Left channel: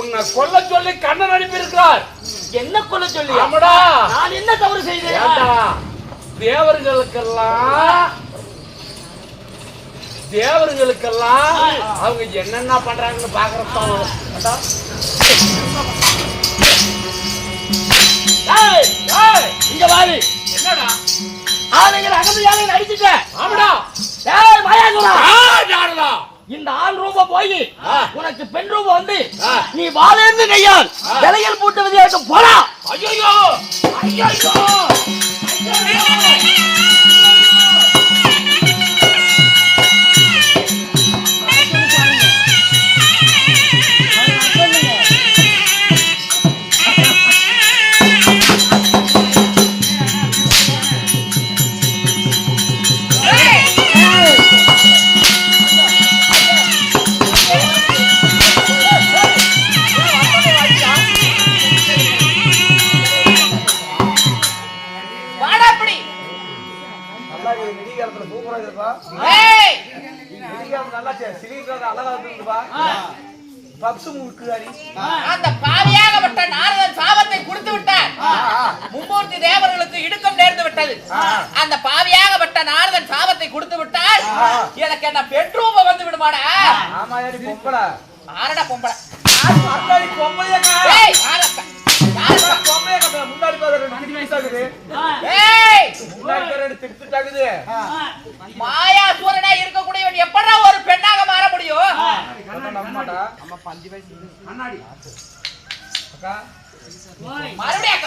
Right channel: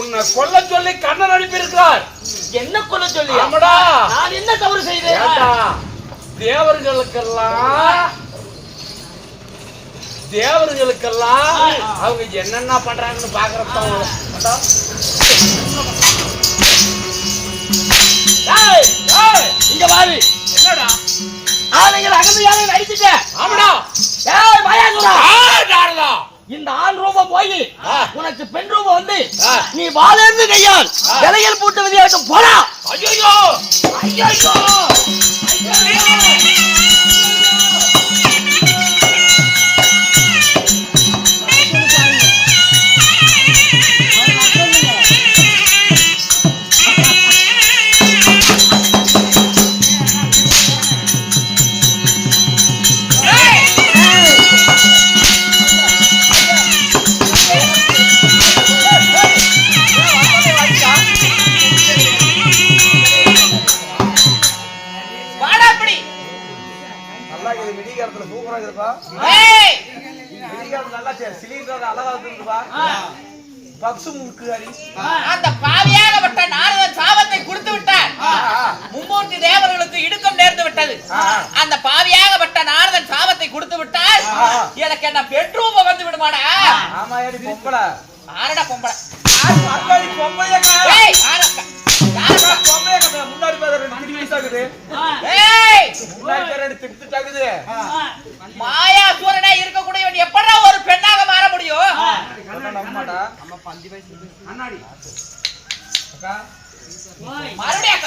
உன்னை கொல்ல சொல்லி கண்ணன் அனுப்பியிருக்கிறார். என்ன கொல்ல சொல்லி? நான் என்ன தவறு செய்தேன்? தேவர்களுக்கெல்லாம் அவங்க என்னென்ன பண்றாங்கன்னு பாக்குறப்ப இங்க வாரு. என்னடா ஆளுங்களை அகமையாக நடிச்சுட்ட? ஆமாடா. இந்த ஆண் ரூபம் போய் உனக்கு பெண் ரூபம் வந்து நீ வாழேந்து கையால் விலையில் பூட்டு விதியாட்டு போடா. ஐயோ ஐயோ அந்த பாவியாகப்பட்ட நாரதன் சாபத்தை கொடுத்து விட்டார். மும்மூர்த்தி தேவர்களுக்கு இடுக்கம் நேர்ந்து விட்டது. அந்த பாவியாகப்பட்ட நாரதன் சாபத்தை கொடுத்து விட்டால் எனக்கு என்ன பெட்ரூம் வந்து விடுமாடா? ஆரடா பொம்பளை மாயா சூரனா இருக்கக்கூடியவன் எப்படா ஒரு பெண்ணாக மாற முடியும்? மறுபடியும்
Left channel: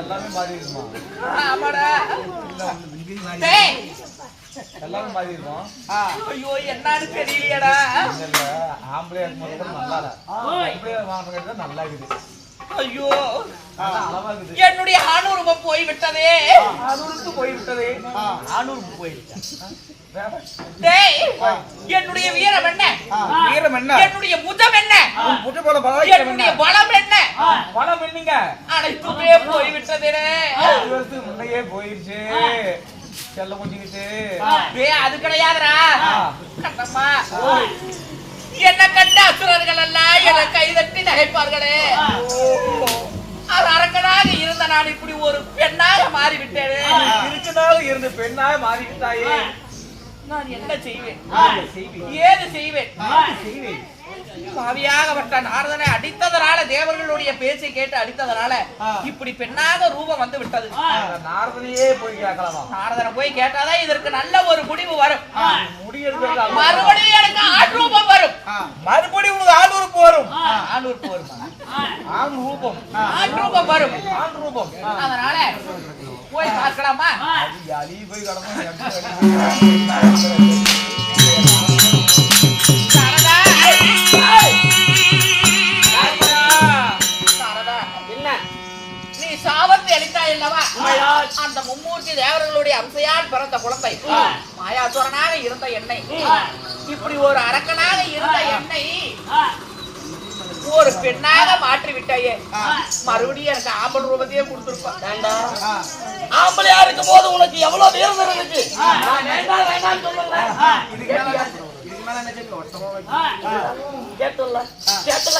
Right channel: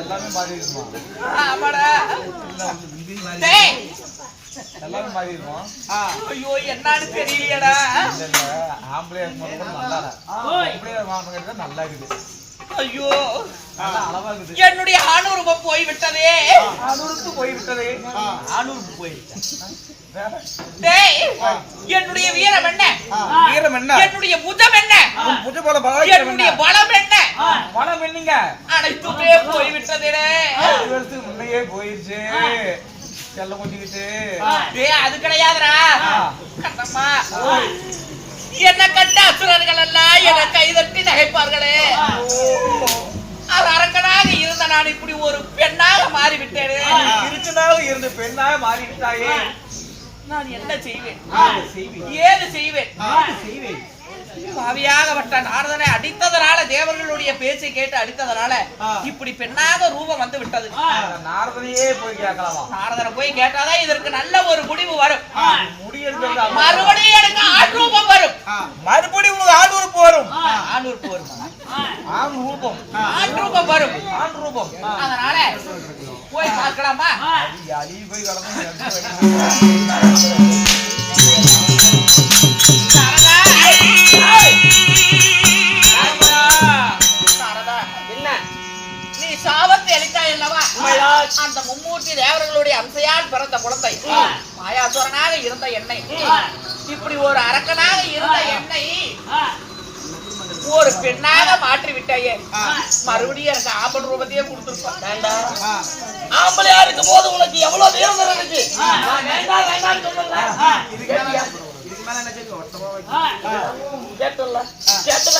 எல்லாமே மாறி இருக்குமா? ஆமாடா டேய் எல்லாமே மாறி இருக்கும். ஐயோ என்னன்னு தெரியலையடா இல்ல இல்ல ஆம்பளையா இருக்கும்போது கூட நல்லா இல்ல. ஆம்பளையா வாங்குறது நல்லா இருக்குது. ஐயோ நல்லா அளவா இருக்குது. என்னுடைய ஆணூர்வம் போய் விட்டதே ஆணூருக்கு போய்விட்டது. ஆணூருக்கு போயிருக்கேன். டேய் என்னுடைய வீரம் என்ன வீரம் என்ன? என்னுடைய புஜம் என்ன புஜ போல என்னுடைய பலம் என்ன பணம் என்னங்க? அனைத்துமே போய் விட்டதே 5 வருஷத்துக்கு முன்னையே போயிருச்சு. செல்ல கொஞ்சிக்கிட்டு டேய் அது கிடையாதுடா கண்ணம்மா என்ன கண்ட அசுரர்கள் எல்லாம் என்னை கைதட்டி நகைப்பார்களே அது அரக்கனாக இருந்த நான் இப்படி ஒரு பெண்ணாக மாறிவிட்டேனே இருக்குனால இருந்து பெண்ணாக மாறிவிட்டாயே. நான் என்ன செய்வேன் செய்வேன் ஏது செய்வேன் செய்வேன். பாவியாகப்பட்ட நாரதனை அடித்ததனால தேவர்களுடைய பேச்சை கேட்டு அடித்ததனால இப்படி பெண்ணாக ரூபம் வந்து விட்டது. நாரதனையே போய் கேட்கலாமா? நாரதனை போய் கேட்டாதான் இதற்கு நல்ல ஒரு முடிவு வரும். முடியறது மறுபடியும் எனக்கு ஆண் ரூபம் வரும். மறுபடியும் உனக்கு ஆணூருக்கு வரும். ஆணூருக்கு வரும் ஆண் ரூபம் ஆண் ரூபம் வரும். ஆண் ரூபம். அதனால போய் பார்க்கலாமா? அலி போய் கடந்து சாரதா சாரதா என்ன நீ சாபத்தை அளித்தாய் அல்லவா? அந்த மும்மூர்த்தி தேவர்களுடைய அம்சையால் பிறந்த குழந்தை மாயாசுரனாக இருந்த என்னை இப்படி ஒரு அரக்கனாக இருந்த என்னை ஒரு பெண்ணாக மாற்றி விட்டாயே மறுபடியும் எனக்கு ஆம்பல் ரூபத்தையே கொடுத்துருப்பா. ஆம்பளையா இருக்கும் போது உனக்கு எவ்வளவு வீரம் இருந்துச்சு. நான் வேண்டாம் வேண்டாம்னு சொல்லல. இதுக்கு மேல என்ன செய்ய ஒட்டமா கேட்டல கேட்டல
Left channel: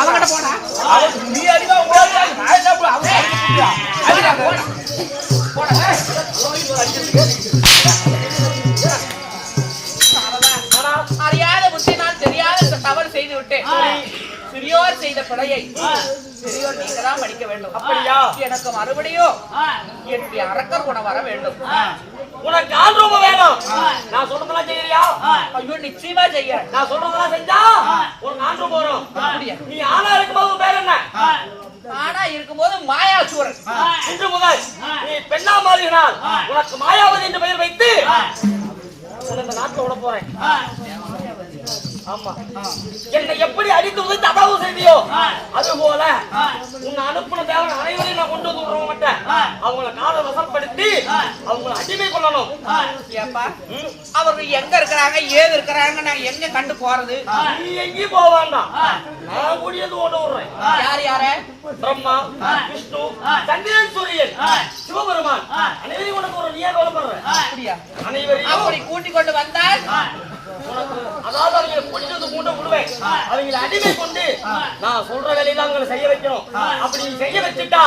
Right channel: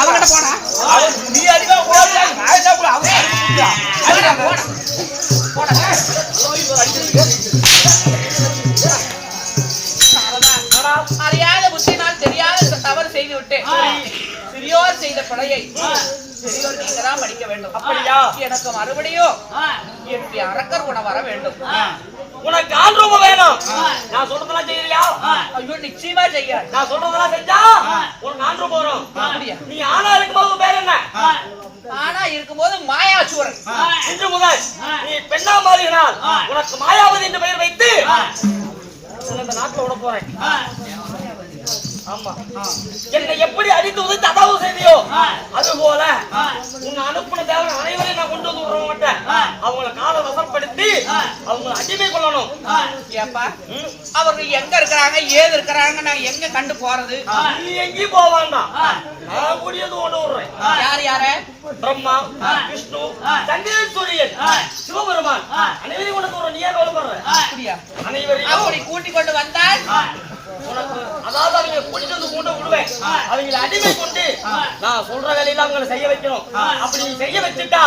அவங்கிட்ட போனா நீ அடிதா ஓடுடா நான் கூட அவங்க அடிடா போடா அறியாத புத்தினால் தெரியாத தவறு செய்து விட்டேன். சிறியோர் செய்த பிழையை பெரியோர் நீங்க தான் படிக்க வேண்டும். அப்படியா? எனக்கு மறுபடியும் என்னுடைய அரக்கர் குணம் வர வேண்டும். உனக்கு ஆண் ரூபம் வேணும். நான் சொல்றதெல்லாம் செய்யறியா? ஐயோ நிச்சயமா செய்யறேன். நான் சொல்றதெல்லாம் செஞ்சா உனக்கு ஆண் ரூபம் வரும். அப்படியா? நீ ஆணா இருக்கும்போது உன் பேர் என்ன? ஆனா இருக்கும்போது மாயாசூரன். இன்று முதல் நீ பெண்ணா மாறினால் உனக்கு மாயாவதி என்ற பெயர் வைத்து உன்னை இந்த நாட்டில் விட போறேன். ஆமா, என்னை எப்படி அடித்து உதைத்து அதாவது செய்தியோ அது போல உன்னை அனுப்பின தேவன் அனைவரையும் நான் கொண்டு வந்து விட மாட்டேன். அவங்களை காலை வசப்படுத்தி அவங்களை அடிமை கொள்ளணும். ஏப்பா அவர்கள் எங்க இருக்கிறாங்க ஏது இருக்கிறாங்க நான் எங்க கண்டு போறது? நீ எங்கேயும் போக வேண்டாம், நான் கூடியது கொண்டு விடுறேன். யார் யார? பிரம்மா, விஷ்ணு, சந்திரன், சூரியன், சிவபெருமான் அனைவரையும் உனக்கு ஒரு நீயா கவலைப்படுற. அப்படியா? அனைவரையும் அப்படி கூட்டிக் கொண்டு வந்தால் உனக்கு அதாவது அவங்க கொண்டு வந்து கூண்ட விடுவேன். அவங்களை அடிமை கொண்டு நான் சொல்ற வேலையெல்லாம் அவங்களை செய்ய வைக்கணும். அப்படி நீ செய்ய வச்சுட்டா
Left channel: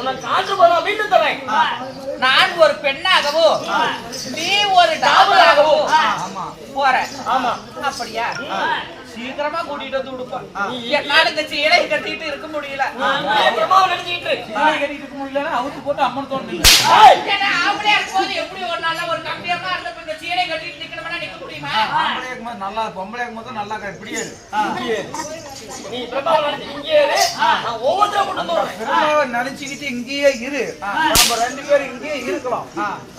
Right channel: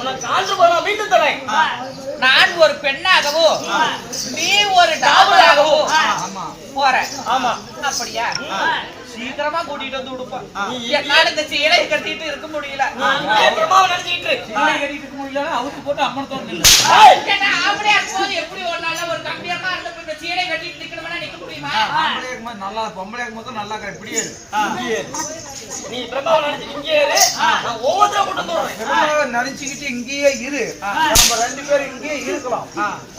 உனக்கு ஆண்டு போதும் மீண்டும் தரேன். நான் ஒரு பெண்ணாகவோ நீ ஒரு டாபராகவோ போற. ஆமா, அப்படியா? சீக்கிரமா கூட்டிட்டு வந்து விடுப்பேன். என்னால இந்த சீலை கட்டிட்டு இருக்க முடியல. பிரம்மாவை நினைச்சிட்டு இரு. கட்டிட்டு இருக்க முடியல, அவுத்து போட்டு அம்மன் தோணுது. ஏன்னா ஆம்பளையா போது எப்படி ஒரு நாள்ல ஒரு கம்பியமா இருந்த இந்த சீலை கட்டிட்டு நிக்கணும்னா நிக்க முடியுமா? நல்லா பொம்பளை மட்டும் நல்லா இப்படியே நீ பிரம்மாவை நினைச்சிட்டு இங்கே இரு. நான் ஒவ்வொருத்தரும் கொண்டு வந்துடுறேன். நினைச்சுக்கிட்டு இங்கேயே இரு. நம்ம 2 பேரும் இங்கேயே இருக்கலாம்.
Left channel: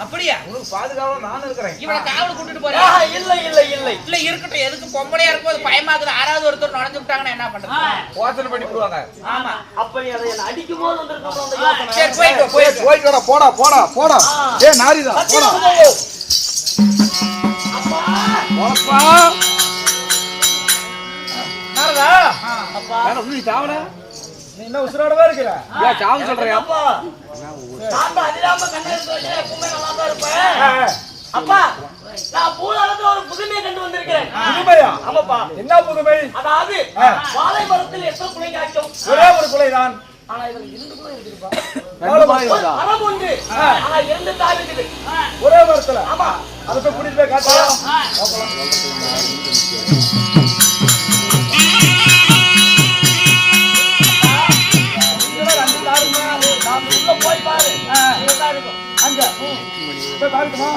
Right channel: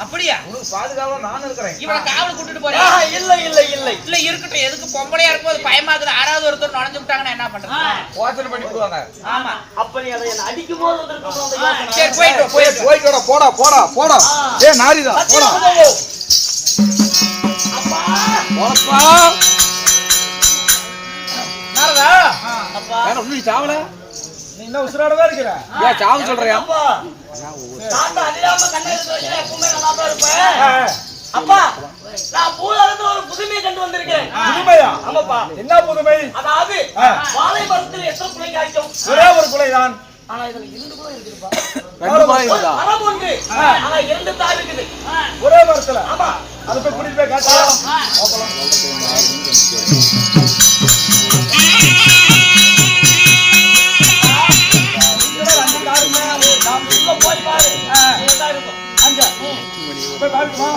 அப்படியா? உனக்கு பாதுகாவா நான் இருக்கிறேன். இவளை காவல் கூட்டிட்டு போறியா? இல்லை இல்லை இல்லை இல்ல இருக்கட்டும். எதுக்கு பொம்பளையா இருக்கும்போது பயமாக்குது. ஆறாவது ஒருத்தர் நுழைஞ்சு விட்டாங்கன்னா என்ன பண்றது? யோசனை பண்ணி போடுவாங்க. ஆமா. அப்ப நீ அதை என்ன அடிக்கும் போது வந்திருக்கணும் அந்த யோசனை. சரி போயிட்டு போயிட்டு போடா போடா போடா. ஏ நாரிதா போடா. அப்பா நாரதா அப்பா நீ சாவல. நீ என்ன உசுராடவே இருக்கிற? ஏன் சாவு சொல்றியா? அப்பா தாத்தா அடிடாம கண்ணை எடுத்து வச்சா எப்பவுமே நல்லா தான் இருப்பேன். அப்பா நான் பூலகத்துல ஒரு புதுமையை கண்டு வந்திருக்கிறேன். புதுமையா? ஆமாப்பா. என்ன புதுமை? அதாவது வாழை மரத்தில் எத்தனை குலை காய்க்கும்? ஒரே ஒரு குலைதான். ஆனா இதுல 2 குலை இருக்குதுப்பா. ஒரு மரம் ஒன்று ஆனா 2 தாய் இருக்குது ஒரே மரத்துல. ஆமா, அதை போய் கூட்டிட்டு போய் காட்டியா? உள்ள போய் பாரு. இங்கதான் இருக்கும். அங்க போய் பாருமா?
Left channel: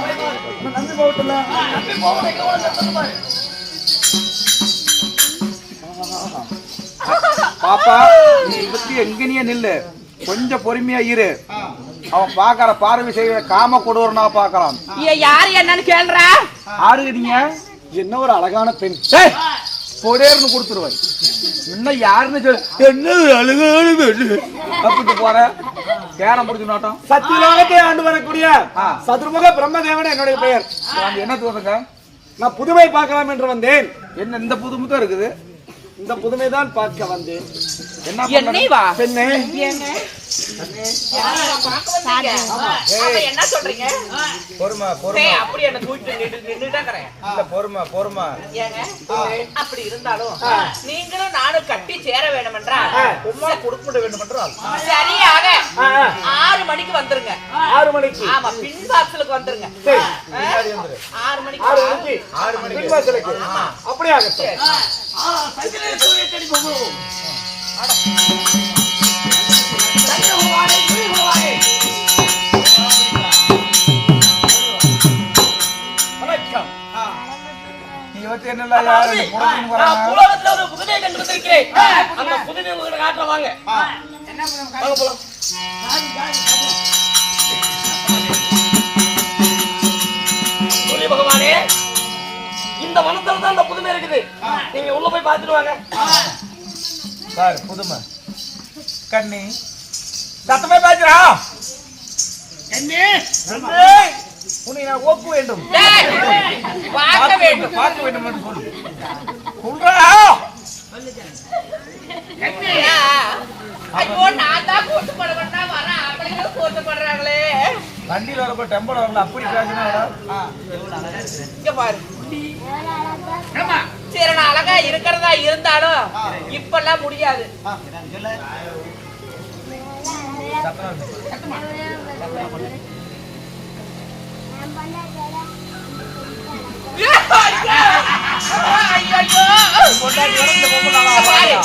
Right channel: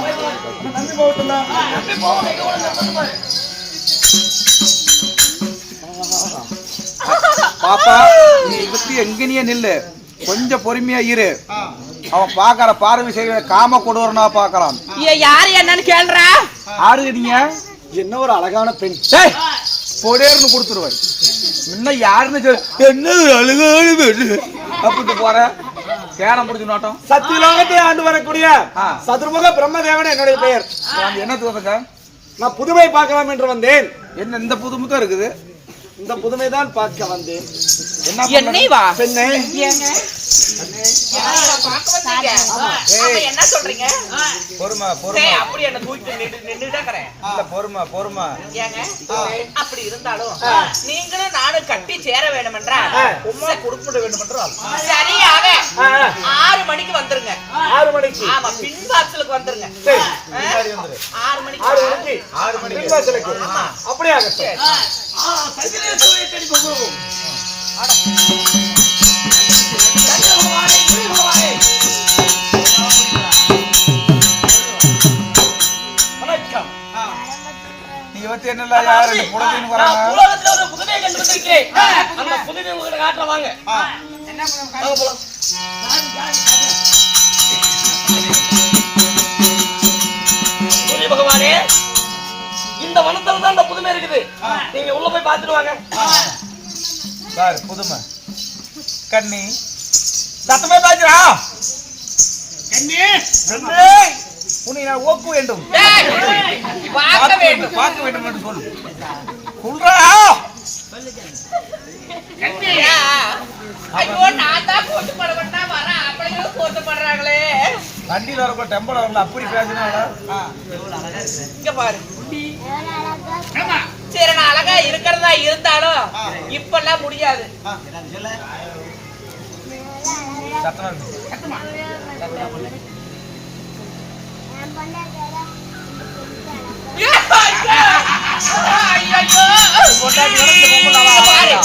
நம்பி போகட்டும்ல. நம்பி போக எங்க கூட நிறுத்தணும் பாரு. பாப்பா, நீ இதுக்கு எங்கனியே நில்லு, கொஞ்சம் பொறுமையா இரு. அவன் பாக்குற பார்வை செய்ய காம கொடூரனா பாக்கலாம். யாரு என்னன்னு கேள்ற? ஆடுறீங்க என்ன ஒரு அழகான பெண் பொடேர்னு கொடுத்துருவாரு. இன்னும் யாருன்னு சொல்லு, என்னது அழகான பெண் அப்படின்ட்டு போற பேரம் முடிச்சு நாட்டம். சத்தியலோகத்தை ஆண்டு வரக்கூடிய சதுர்முக பிரம்மதேவன் என்னுடைய பெயர். என்ன தோணுங்க? நான் புதுமை பார்க்கலாம் என்று வந்தேன். என்ன இந்த புதுமுகம் இருக்குது? இந்த புதுமை தான் பார்க்க வந்தேன். என்னை வா பெண்ணே, என்ன சொல்றீங்க? பொறுமை பொறுமை. டேய், அப்படி என்ன தூக்கி நின்னுட்டா கறேன். இல்ல பொறுமை பொறுமை. ஏங்க அப்படி இருந்தாலும் நீங்களும் நானும் கட்டி சேர வேண்டும் என்றால் உமா கொடுக்க வேண்டும் என்றால் சரியாக 6 மணிக்கு வந்துருங்க. 6 மணிக்கு. ஆமா, பின் வாசலுக்கு வந்துருங்க. சரி, பின்னாடி வந்துரு. 6 மணிக்கு. 6 மணிக்கு. 6 மணிக்கு பின்வாசலுக்கு. அப்படியே ஆகட்டும். சந்திரன் சூரியன் தேடி போகும். வணக்கம். நீ வந்து என்ன அதாவது, நான் பூலோகத்துல ஒரு புதுமையை கண்டு வந்திருக்கிறேன். அந்த புதுமையை உங்ககிட்ட காட்டுறேன் வாங்க. வாங்க போலாம். சூரிய பகவானே, இந்த வனத்துல தான் அந்த புதுமை இருக்குது. நீங்க உள்ள போய் பார்த்துட்டு வாங்க. சார் புதுமை கண்ணி சத்தமே பேசுறா. கண்ணே, உன்னை நான் ஒப்பு வேண்டும். டேய், பார்க்க வேண்டும். பார்க்க வேண்டும் என்று சொல்லு. சொல்றா. ஐயா, ஐயோ, நான் தான் போட்டு பட வேண்டாம் வரேன். அப்படிங்களும் போட்டு படுறாங்களே. வண்டியில் வரப்போ டெம்பர் வரல அப்படி பேசுனா. இங்க பாரு. சரி, நான் அழகா இருக்கிறதா இருந்தாலும் இப்பெல்லாம் முடியாது. பாரு,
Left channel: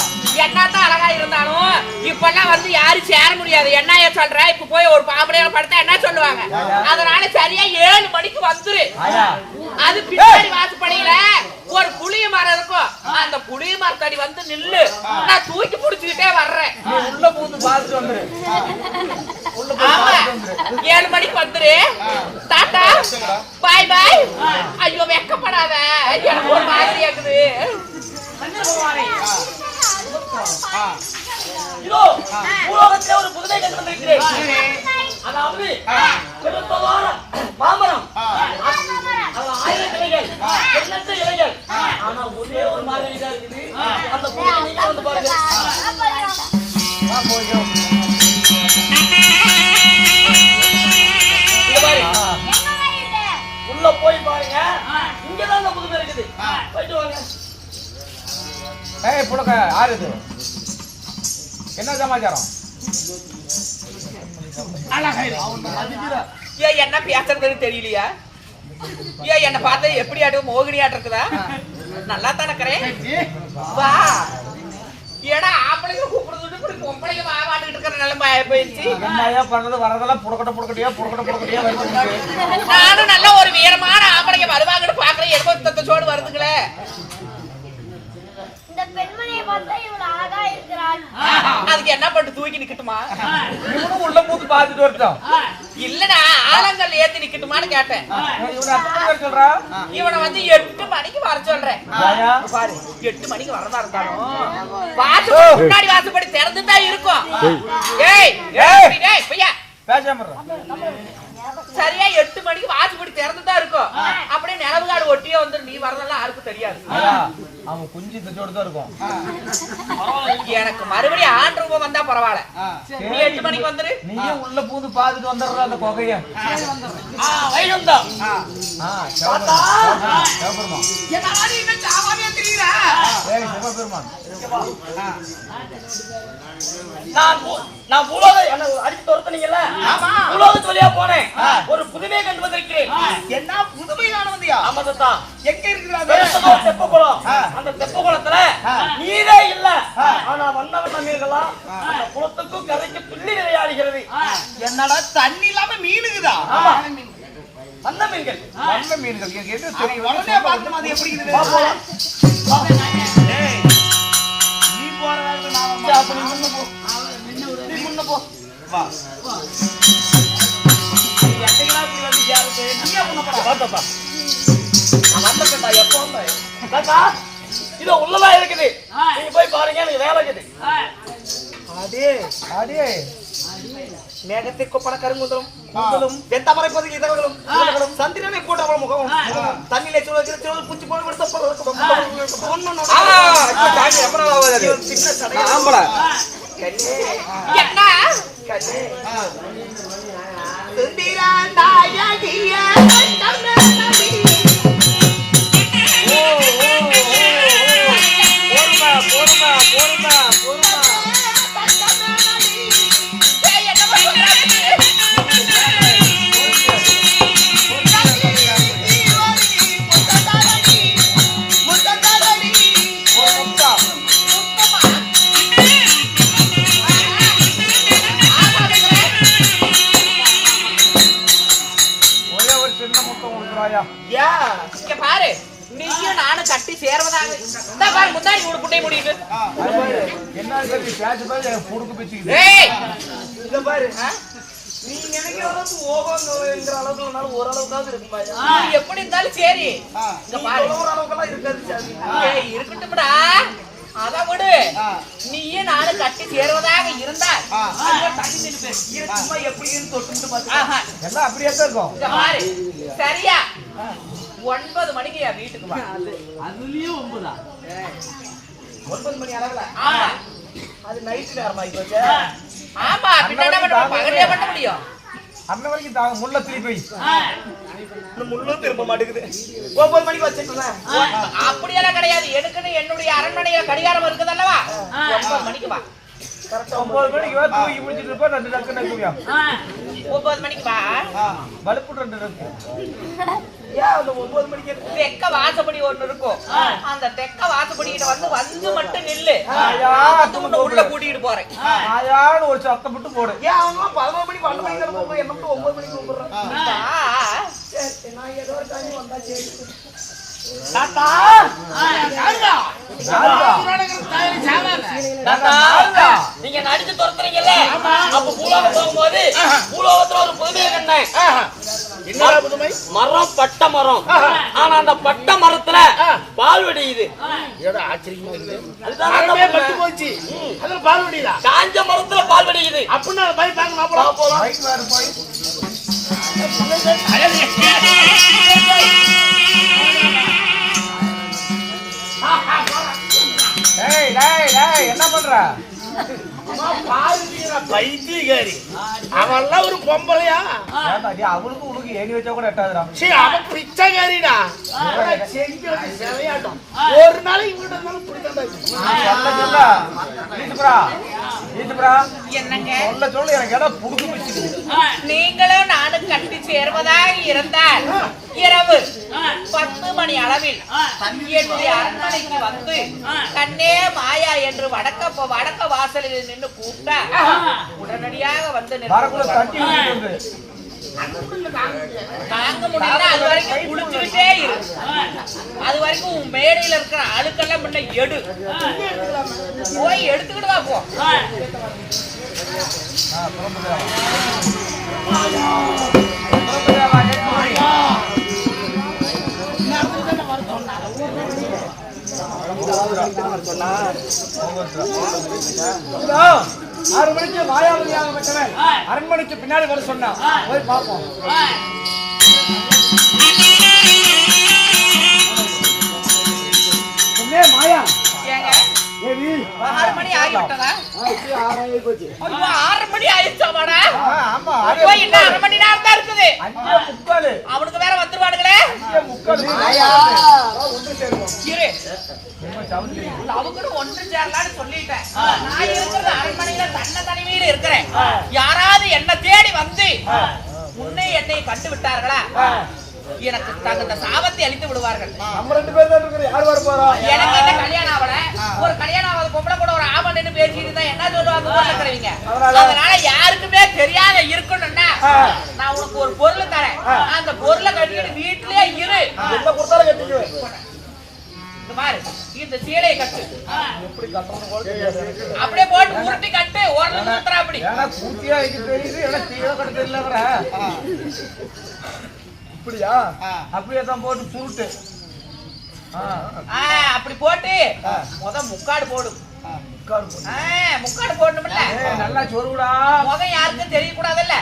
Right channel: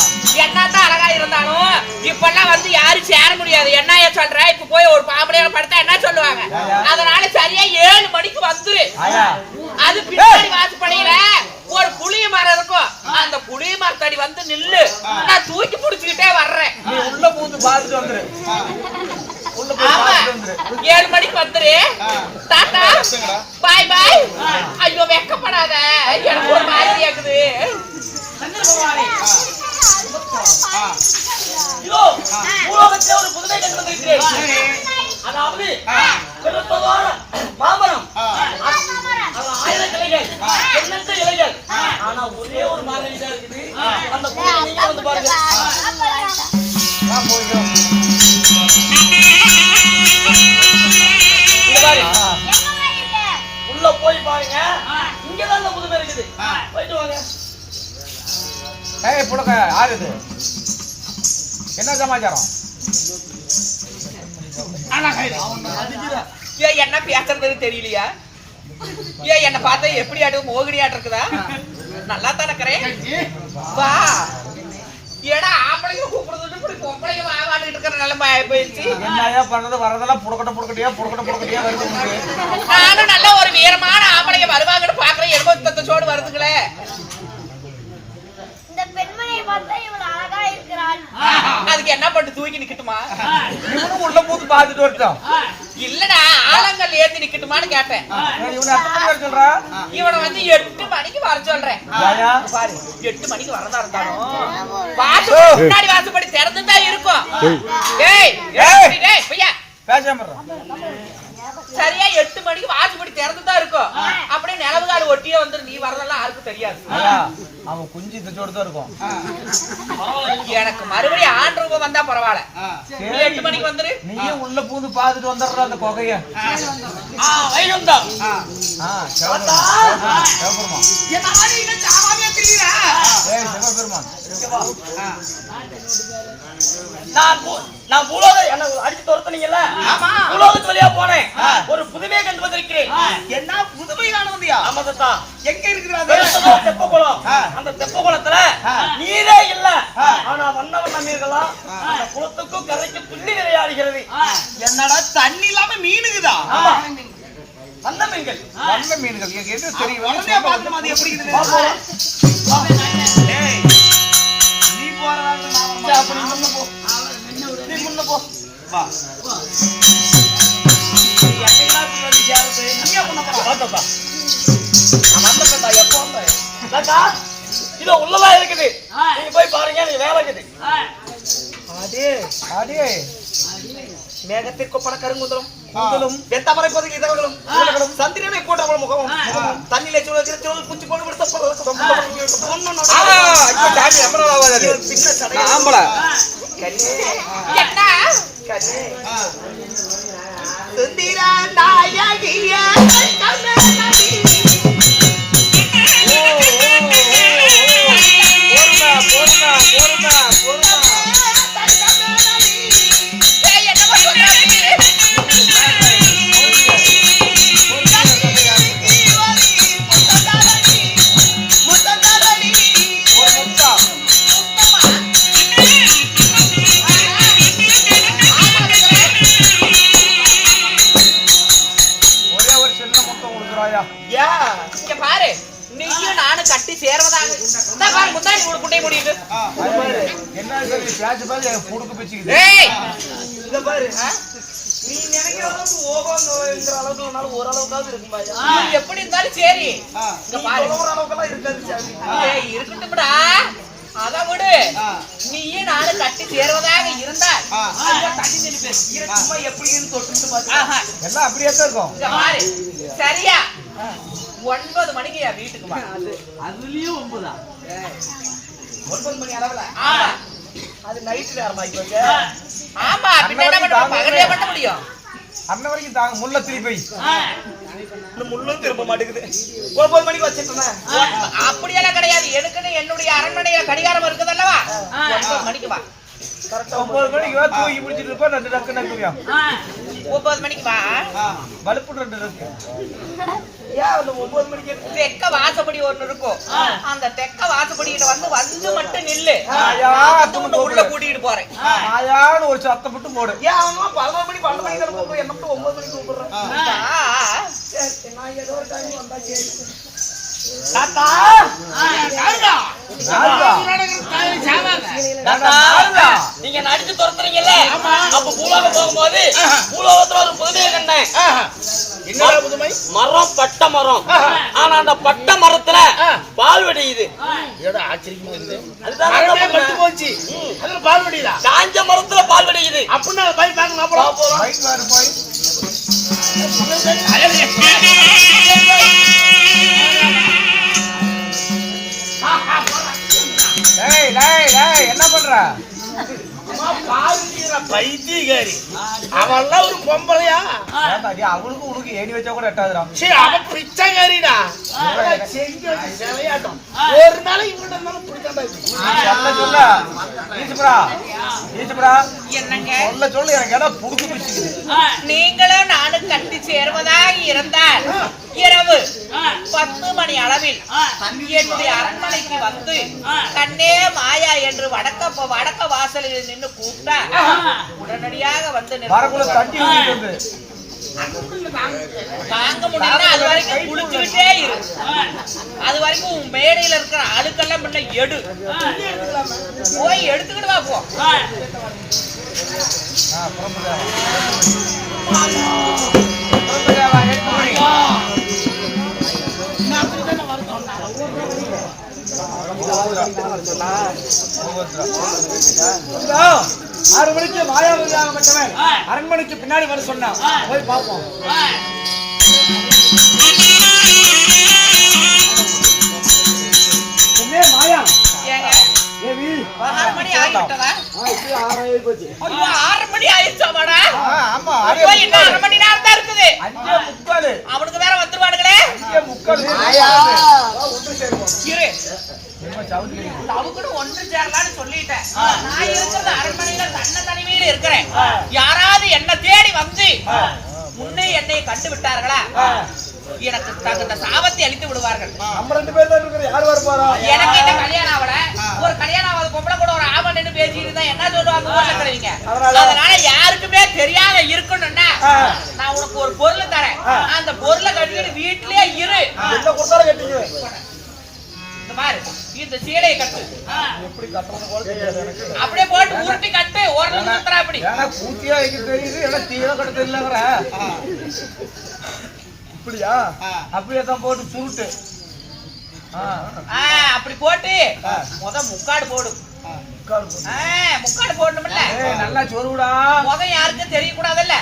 என்னதான் அழகா இருந்தாலும் இப்பெல்லாம் வந்து யாரும் சேர முடியாது. என்ன சொல்ற? இப்ப போய் ஒரு பாம்பளையோட படுத்தா என்ன சொல்லுவாங்க? அதனால சரியா 7 மணிக்கு வந்துரு. அது பின்னாடி வாசப்படியில ஒரு புளிய மரம் இருக்கும். அந்த புளிய மரத்தடி வந்து நில்லு. நான் தூக்கி புடிச்சுக்கிட்டே வர்றேன். உள்ள பூந்து பார்த்துட்டு வந்துரு. ஆமா, 7 மணிக்கு வந்துரு. டாடா, பாய் பாய். ஐயோ, வெக்கப்படாத, எனக்கு ஒரு மாதிரி இருக்குது. சந்திர பகவானே, இதோ பூலோகத்துல ஒரு புதுமை கண்டு வந்திருக்கிறேன். அதாவது பெருத்தவான மாமரம், அதுல 1000 கிளைகள், எண்ணற்ற இலைகள். ஆனா ஒரே ஒரு மாங்கனி தான் இருக்குது. அந்த புதுமை நீங்க வந்து பாருங்க. உள்ள போய் பாருங்க. இங்கதான் இந்த புதுமை இருக்குது. போயிட்டு வாங்க. ஏய் புடக்க யாரு இது? என்ன சமாச்சாரம்? ஏன் என்ன பேசுறது தெரியலையா? ஏன் என்ன பார்த்தா எப்படி ஆட்டும் மோகினி ஆட்டம் இருக்குதா? நல்லா தானே இருக்கிறேன். வா ஏடா ஆம்பளைங்க கூப்பிடுறது இப்படி பொம்பளைங்க வாவாடிட்டு இருக்கிற நிலைமை போயிடுச்சு. என்னையா பண்ணது வரதெல்லாம் புடக்கட்ட வருது. நானும் நல்ல ஒரு வீரமான ஆம்பளைங்க வருவாங்கன்னு பாக்குறேன். எடுத்து சோடு வருதுங்களே. இந்த பெண்மணியை பார்த்தா இவள் அழகா இருக்கிறாள். அதுக்கு என்ன பண்ணிட்டு தூக்கி நிக்கட்டுமா? இவனும் உள்ள பூத்து பாத்துட்டு வரட்டும். இல்லடா ஆலங்கல் ஏத்தி நிக்கட்டுமான்னு கேட்டேன். இவனை எத்தனை மணி வர சொல்றா? இவனை வந்து 8 மணிக்கு வர சொல்றேன். பாரு 8 மணிக்கு வரதா இருந்தாலும் வாசப்படி முன்னாடி வாசப்படி திறந்துதான் இருக்கும். டேய் டேய் டேய் பையா பேசாம சரியா 8 மணிக்கு வாசப்படி திறந்துதான் இருக்கும். அப்படியே நிலவுகாடு ஒட்டியே வந்துரு. நீ வரதெல்லாம் யாருக்கும் தெரியாது. அவன் குஞ்சு தச்சோடு தான் இருக்கும். எனக்கு மறுபடியும் ஆண் ரூபம் வந்தா பரவாயில்ல. நீ 8 மணிக்கு வந்துரு. நீயும் உள்ள பூந்து பாத்துட்டு வந்துடுற அந்த கொகைய. வைகுந்தா தாத்தா என்னடா நீ இந்த சாவாவே திரியற? ஏய் சிவபெருமான் நான் பூலோகம் என்ன அடிச்சு துரத்துனீங்கல்ல? பூலோகத்து வழியா போனேன். ஒரு புதுமையை கண்டு வந்திருக்கிறேன். என்ன புதுமை காண வந்தியா? ஆமா தாத்தா. எங்க இருக்குது தெப்பகுளம். அந்த தெப்பகுளத்துல நீரே இல்ல. ஆனா வண்ண மீன்களா அந்த குளத்துக்கும் கரைக்கு துள்ளி விளையாடுகிறது. என்னடா தண்ணி இல்லாம மீனுக்குதா? வண்ண மீன்கள். வண்ண மீன்கள் எது சரி உடனே பார்க்கணும். அது எப்படி இருக்குது? டேய் நீ போறதால நான் அப்ப நீ முன்ன போ. நீ முன்ன போ. வா என்னையா இப்படி வந்து சேருது? நீயே பண்ண போற. வா தாத்தா. நான் வந்தேன்டா. எப்போ வந்தேன்? தாத்தா இதோ உள்ளதா இருக்குது. நீங்க போய் பாருங்க. நீங்க வேலை இருக்குது. அடே அடே மேகத்திற்கு பண கருங்குந்தலும் வெத்தாமரை பதுங்கி இதழ்களும் சந்திரனை போட்ட முகமும் தண்ணிலே சுழல் பூச்சி போன விடுத்த பின்ன சடைய கண்ணே கண்ணே பாரு நீயும் நானும் கட்டி சேர்வதாக. இந்த பாரு முன்னாடி ஒரு குட்டை முடியுது. என்ன பேச்சு பாரு புடுக்கு பிச்சுக்குது. ஏய் இத பாரு. நீ நினைக்கிற அளவுக்கு ஓகோங்கிற அளவுக்கு இல்லனாலும் ஓரளவுக்காவது இருக்குமா? நீ எப்படி இருந்தாலும் சரி. இங்க பாரு ஒரு அளவுக்குலாம் இருக்காது சாமி. ஏய் இருக்கட்டும்டா. அத விடு. நீயும் நானும் கட்டி சேர்வதாக இருந்தா தண்ணி நின்னு சும்மா எப்படின்னு தொட்டு பாத்து. எல்லாம் அப்படியே தான் இருக்கும். இங்க பாரு சரியா 9 மணிக்கு என் வீட்டுக்கு வா. அதுலயும் 9 9 மணி அளவுல. அது நைட் நேரமா இப்ப? ஆமா பின்ன என்ன பண்ண பகலே பண்ண முடியும்? அன்ன வரைக்கும் தாங்க முள்ள திருப்பி இன்னும் முள்ளும் திரும்ப மாட்டேங்குது. 9 மணிக்கு வச்சிட்டேன். அப்படியெல்லாம் கிடையாது. எனக்குன்னு என்னுடைய அரண்மனையில கடிகாரம் இருக்குது அல்லவா? 9 மணிக்கு வா. கரெக்டா 9 மணிக்கு தூக்கி பிடிச்சிட்டு இருப்பா. 2 டக்கு நக்குறியா 9 மணிக்கு வா. வலுப்பு 2 இருக்கு. ஏன் அந்த 9 மணிக்கு தெக்க வாசப்படி ஒண்ணு இருக்கும். அந்த தெக்க வாசப்படியிட்ட வந்து மட்டும் நில்லு. நான் வந்து உன்னை உள்ள கூட்டிட்டு போறேன். ஆயான்னு ஒரு சத்தம் மட்டும் போடு. ஏன் அவங்களாம் 11 மணிக்கு 12 மணிக்கு தானே கூப்பிடுறோம். என்ன மட்டும் 9 மணிக்கு கூப்பிடுறேன். சரி நான் ஏதோ ஒரு டைம் வந்தா சரி. தாத்தா நீங்க நடிச்சு துரத்துறீங்கல்ல? அப்ப பூலோகம் போகும்போது பூலோகத்துல ஒரு புதுமையை கண்டேன். என்னடா புதுமை? மரம் பட்ட மரம். ஆனா அந்த பட்ட மரத்துல பால் வெடியுது. ஏடா ஆச்சரியமா இருக்குது. அதுதான் மரமே பட்டு போச்சு. அதுல பால் வடியுதா? காஞ்ச மரத்துல பால் வெடியுது. அப்படின்னா போய் பார்க்கலாம் போலாம். பைக் வேற போய் டேய் டேய் டேய் என்ன பண்ற? பைத்தியக்காரி அவெல்லாம் ஒரு பொம்பளையா? அவளுக்கு தூக்கி ஏணி வச்சா கூட எட்டாதுடா. சீ, அவன் பிச்சைக்காரிடா. ஆனா செஞ்சு வச்சு சிலையாட்டம். ஒரு நாளைக்கு இவங்கிட்ட இருந்தாலும் பிடித்தாண்டா இருக்கும். சொல்ல ஈசுப்ரா, ஈசுப்ரா, என்னங்க சொல்ல எனக்கு இடம் புடிச்சு பிடிச்சிக்குது. நீங்களும் நானும் கட்டி சேர்வதாக இருந்தால் இரவு 10 மணி அளவில் என்னுடைய அரண்மனைக்கு வந்து கண்ணே மாயா என்று வடக்க வாசலில் நின்று கூப்பிட்டா உடனடியாக வந்து வரக்குள்ள தட்டி ஊத்திட்டு வந்து. தாங்க முடியல. அது வரைக்கும் குளிச்சுக்கிட்டே இரு. அது வரைக்கும் உன் மேடையில இருக்கிற அழுக்கெல்லாம் முன்ன எடு. போய் எடுத்துக்கிட்டு வா போ. இதோ, 6 மணிக்கு மாயாவதியாக பெற்றவன் அரண்மனைக்கு பின்னாடி வர சொன்னான். போய் பார்ப்போம். மாயா ஏங்க ஏவி 6 மணி ஆகிவிட்டதா? இப்படி 6 ஆகி போச்சு. ஐயோ 6 மணி ஆயிடுச்சாமாடா? ஆமா, ஐயோ இன்னும் 1/2 மணி நேரம் தான் இருக்குது. 5:45. அவனுக்கு வேற வந்துருவானுங்களே. 5:45. ஒன்று சேருவோம். இரு, அவங்களும் ஒன்று சேரலான்னு சொல்லிட்டேன். நான் இருக்கிறது அரண்மனையில தனிமையில இருக்கிறேன். யாராவது என்ன தேடி வந்து முன்னே என்னை கண்டு விட்டார்களா எனக்கு தகுந்த சாபத்தை அளித்து விடுவார்கள். நம்ம 2 பேர் தான் இருக்கிறோம். யார் வர போறா? எனக்கு என்ன கல்யாணம் ஆகல. ஒரு கல்யாணம் ஆகாத பொம்பளை கூட ஒரு ஆமன் நின்னு பேசிட்டு இருந்தா என்ன சொல்லுவாங்க ஊர்ல கிடைவீங்க. அதனால யாருக்குமே தெரியாத இருக்கணும்னா நான் உனக்கு ஒரு பொருள் தரேன். அந்த பொருளை கட்டிட்டு வீட்லயே இரு. என்ன கொடுத்தாலும் கட்டிக்குவேன். இந்த மாதிரி இந்த சீலையை கட்டு. எப்படி கட்டணும் கூட தெரியாது எனக்கு. அப்படியே போட்டு உருட்டி கட்டு. ஓரளவு சுத்துறா அப்படி. ஏன்னா கூட்டியா எனக்கு தெரியுது. எல்லாம் தீவிர கட்ட தெரியலங்கற. இப்படியா? அப்படியே தான் போட்டு சுருட்டு. அப்படி போட்டு முக்காடு போடு. முக்காடு போடணும்ல. நல்லா சொருடா. முகம் யாருக்கும் தெரிய கூடாதுல்ல.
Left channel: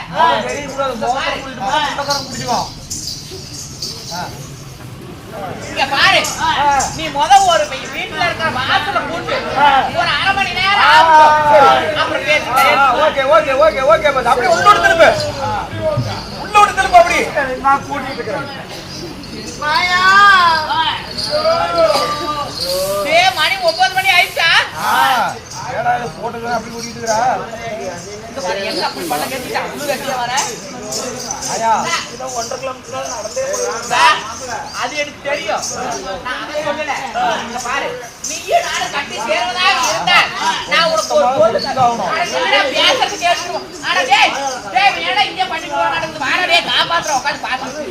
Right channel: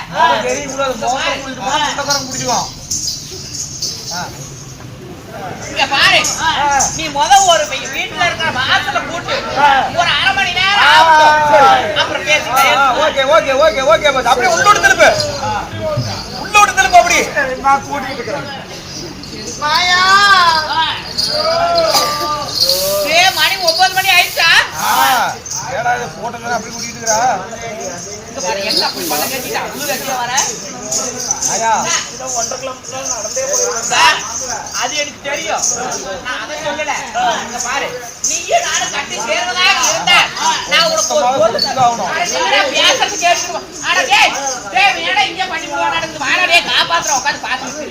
இங்க பாரு, நீ ஒரு வீட்டுல இருக்கிற வாசல கூட்டு ஒரு 1/2 மணி நேரம் ஆகட்டும். அப்புறம் பேசிக்கலாம். Okay okay okay okay. அப்படியே உள்ளோடு திருப்பு. உள்ளோடு திருப்பு. அப்படி நான் கூட்டிட்டு இருக்கிறேன். மணி 9 மணி ஆயிடுச்சா? போட்டோ அப்படி கூட்டிட்டு இருக்கிறா. எங்க அப்படி பண்ண கேட்டா உள்ளு கட்டியா வர? இதோ 1.5 கிலோமீட்டர் நடந்தே போயிருக்கேன். அது எனக்கு தெரியும். நான் அதை சொல்லல. இங்க பாரு, நீயும் நானும் கட்டி சேர்வதாக இருந்தா நான் உனக்கு ஒரு பொருள் பேசுறது கேட்டுருவோம். ஆனா டேய் வேணா இங்கே பண்ணிடுவான் நடக்குது. வாடா காப்பாத்துற உட்காந்து பாத்துட்டு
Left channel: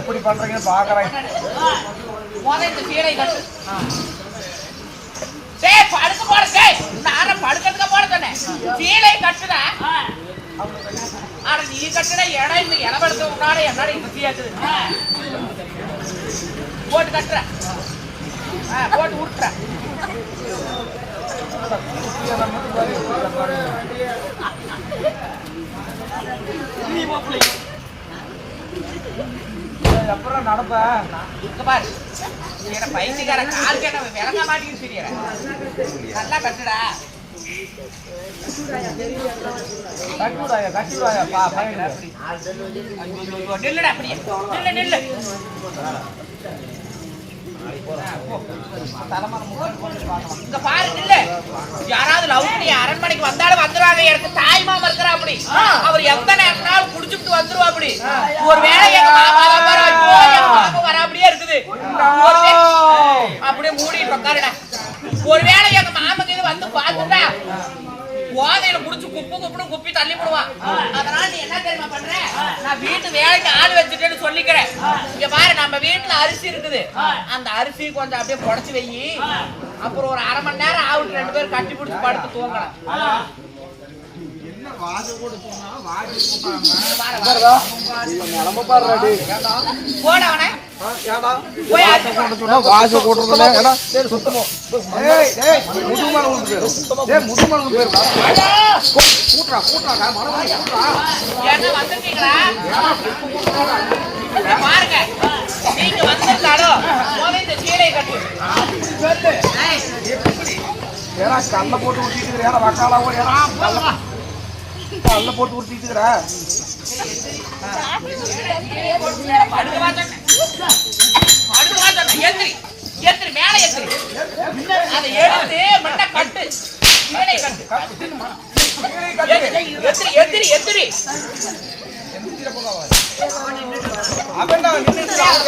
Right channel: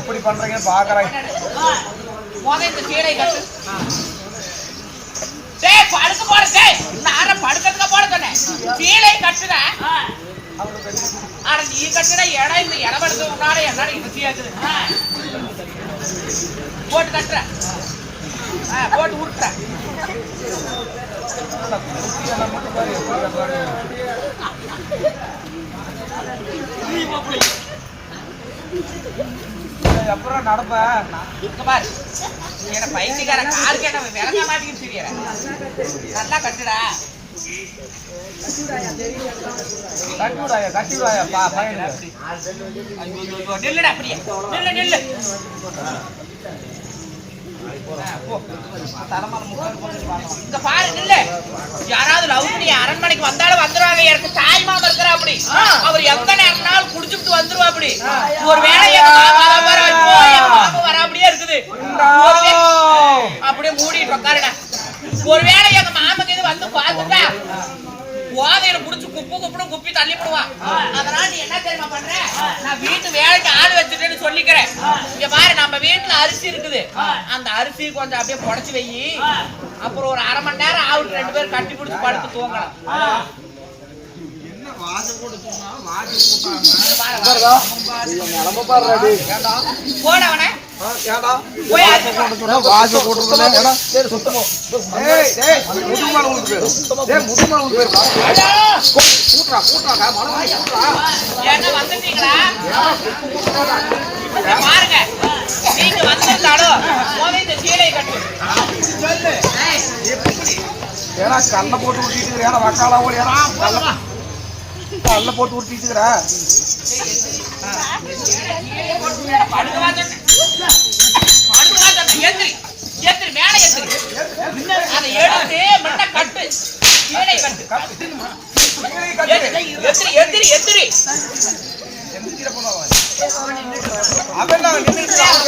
எப்படி பண்றீங்கன்னு பாக்குறேன். இந்த சீலை கட்டு. டேய் படுக்க போற. டேய் நான் படுக்கிறதுக்கு போட சொன்னேன். சீலை கட்டுற. ஆனா நீ கட்டுன இடம் இந்த இடப்படுத்த உன்னால என்னால இசையாக்குது. போட்டு கட்டுற. போட்டு உருட்டுற. அப்புறம் நடப்பேன். இங்க பாரு, என்ன பைத்தியக்கார கால் கேட்ட விளக்க மாட்டேங்குன்னு தெரியற. நல்லா கட்டுடா. நில்லுடா அப்படியே. நில்லு நில்லு. இங்க பாரு நில்லு. யாராவது லவ் பண்ணி அரண்மனைக்கு வந்தாலும் வந்துருவாங்க. எனக்கு தாய் மாமா இருக்கிறா அப்படி. அவர் எந்த நேரம்னாலும் குடிச்சுட்டு வந்துருவா அப்படி. ஒருவேளை எங்க மாமா எங்க மாமா வர அப்படியே இருக்குது. அப்படியே மூடிட்டு உட்காருடா. ஒருவேளை எங்க மாமாக்கு இது வந்து பார்த்துட்டா போதையில புடிச்சு குப்பி தள்ளி போடுவான். அதனால நீ என்ன தெரியுமா பண்ற? நான் வீட்டு வேலைக்கு ஆள் வச்சுட்டேன்னு சொல்லிக்கிறேன். இங்க பாரு, நம்ம வீட்டுல அரிசி இருக்குது. அந்த அரிசி கொஞ்சம் அப்படியே புடைச்சு வை. அப்புறம் ஒரு 1/2 மணி நேரம் ஆகுட்டு 2 பேரும் கட்டி பிடிச்சு படுத்து தூங்கலாம். போட அவனை போய் என்ன வந்துட்டீங்களா? பாருங்க, நீங்க வந்திருந்தாலும் இந்த சீலையை கட்டு. கல்ல போட்டு ஊட்டிட்டு போட்டு ஊட்டிட்டு படுக்கவா சொன்னேன். எந்திரி எந்திரி மேல எந்திரி. அதை எடுத்து மண்ணை கட்டு, கீழே கட்டு. எந்திரி எந்திரி எந்திரி.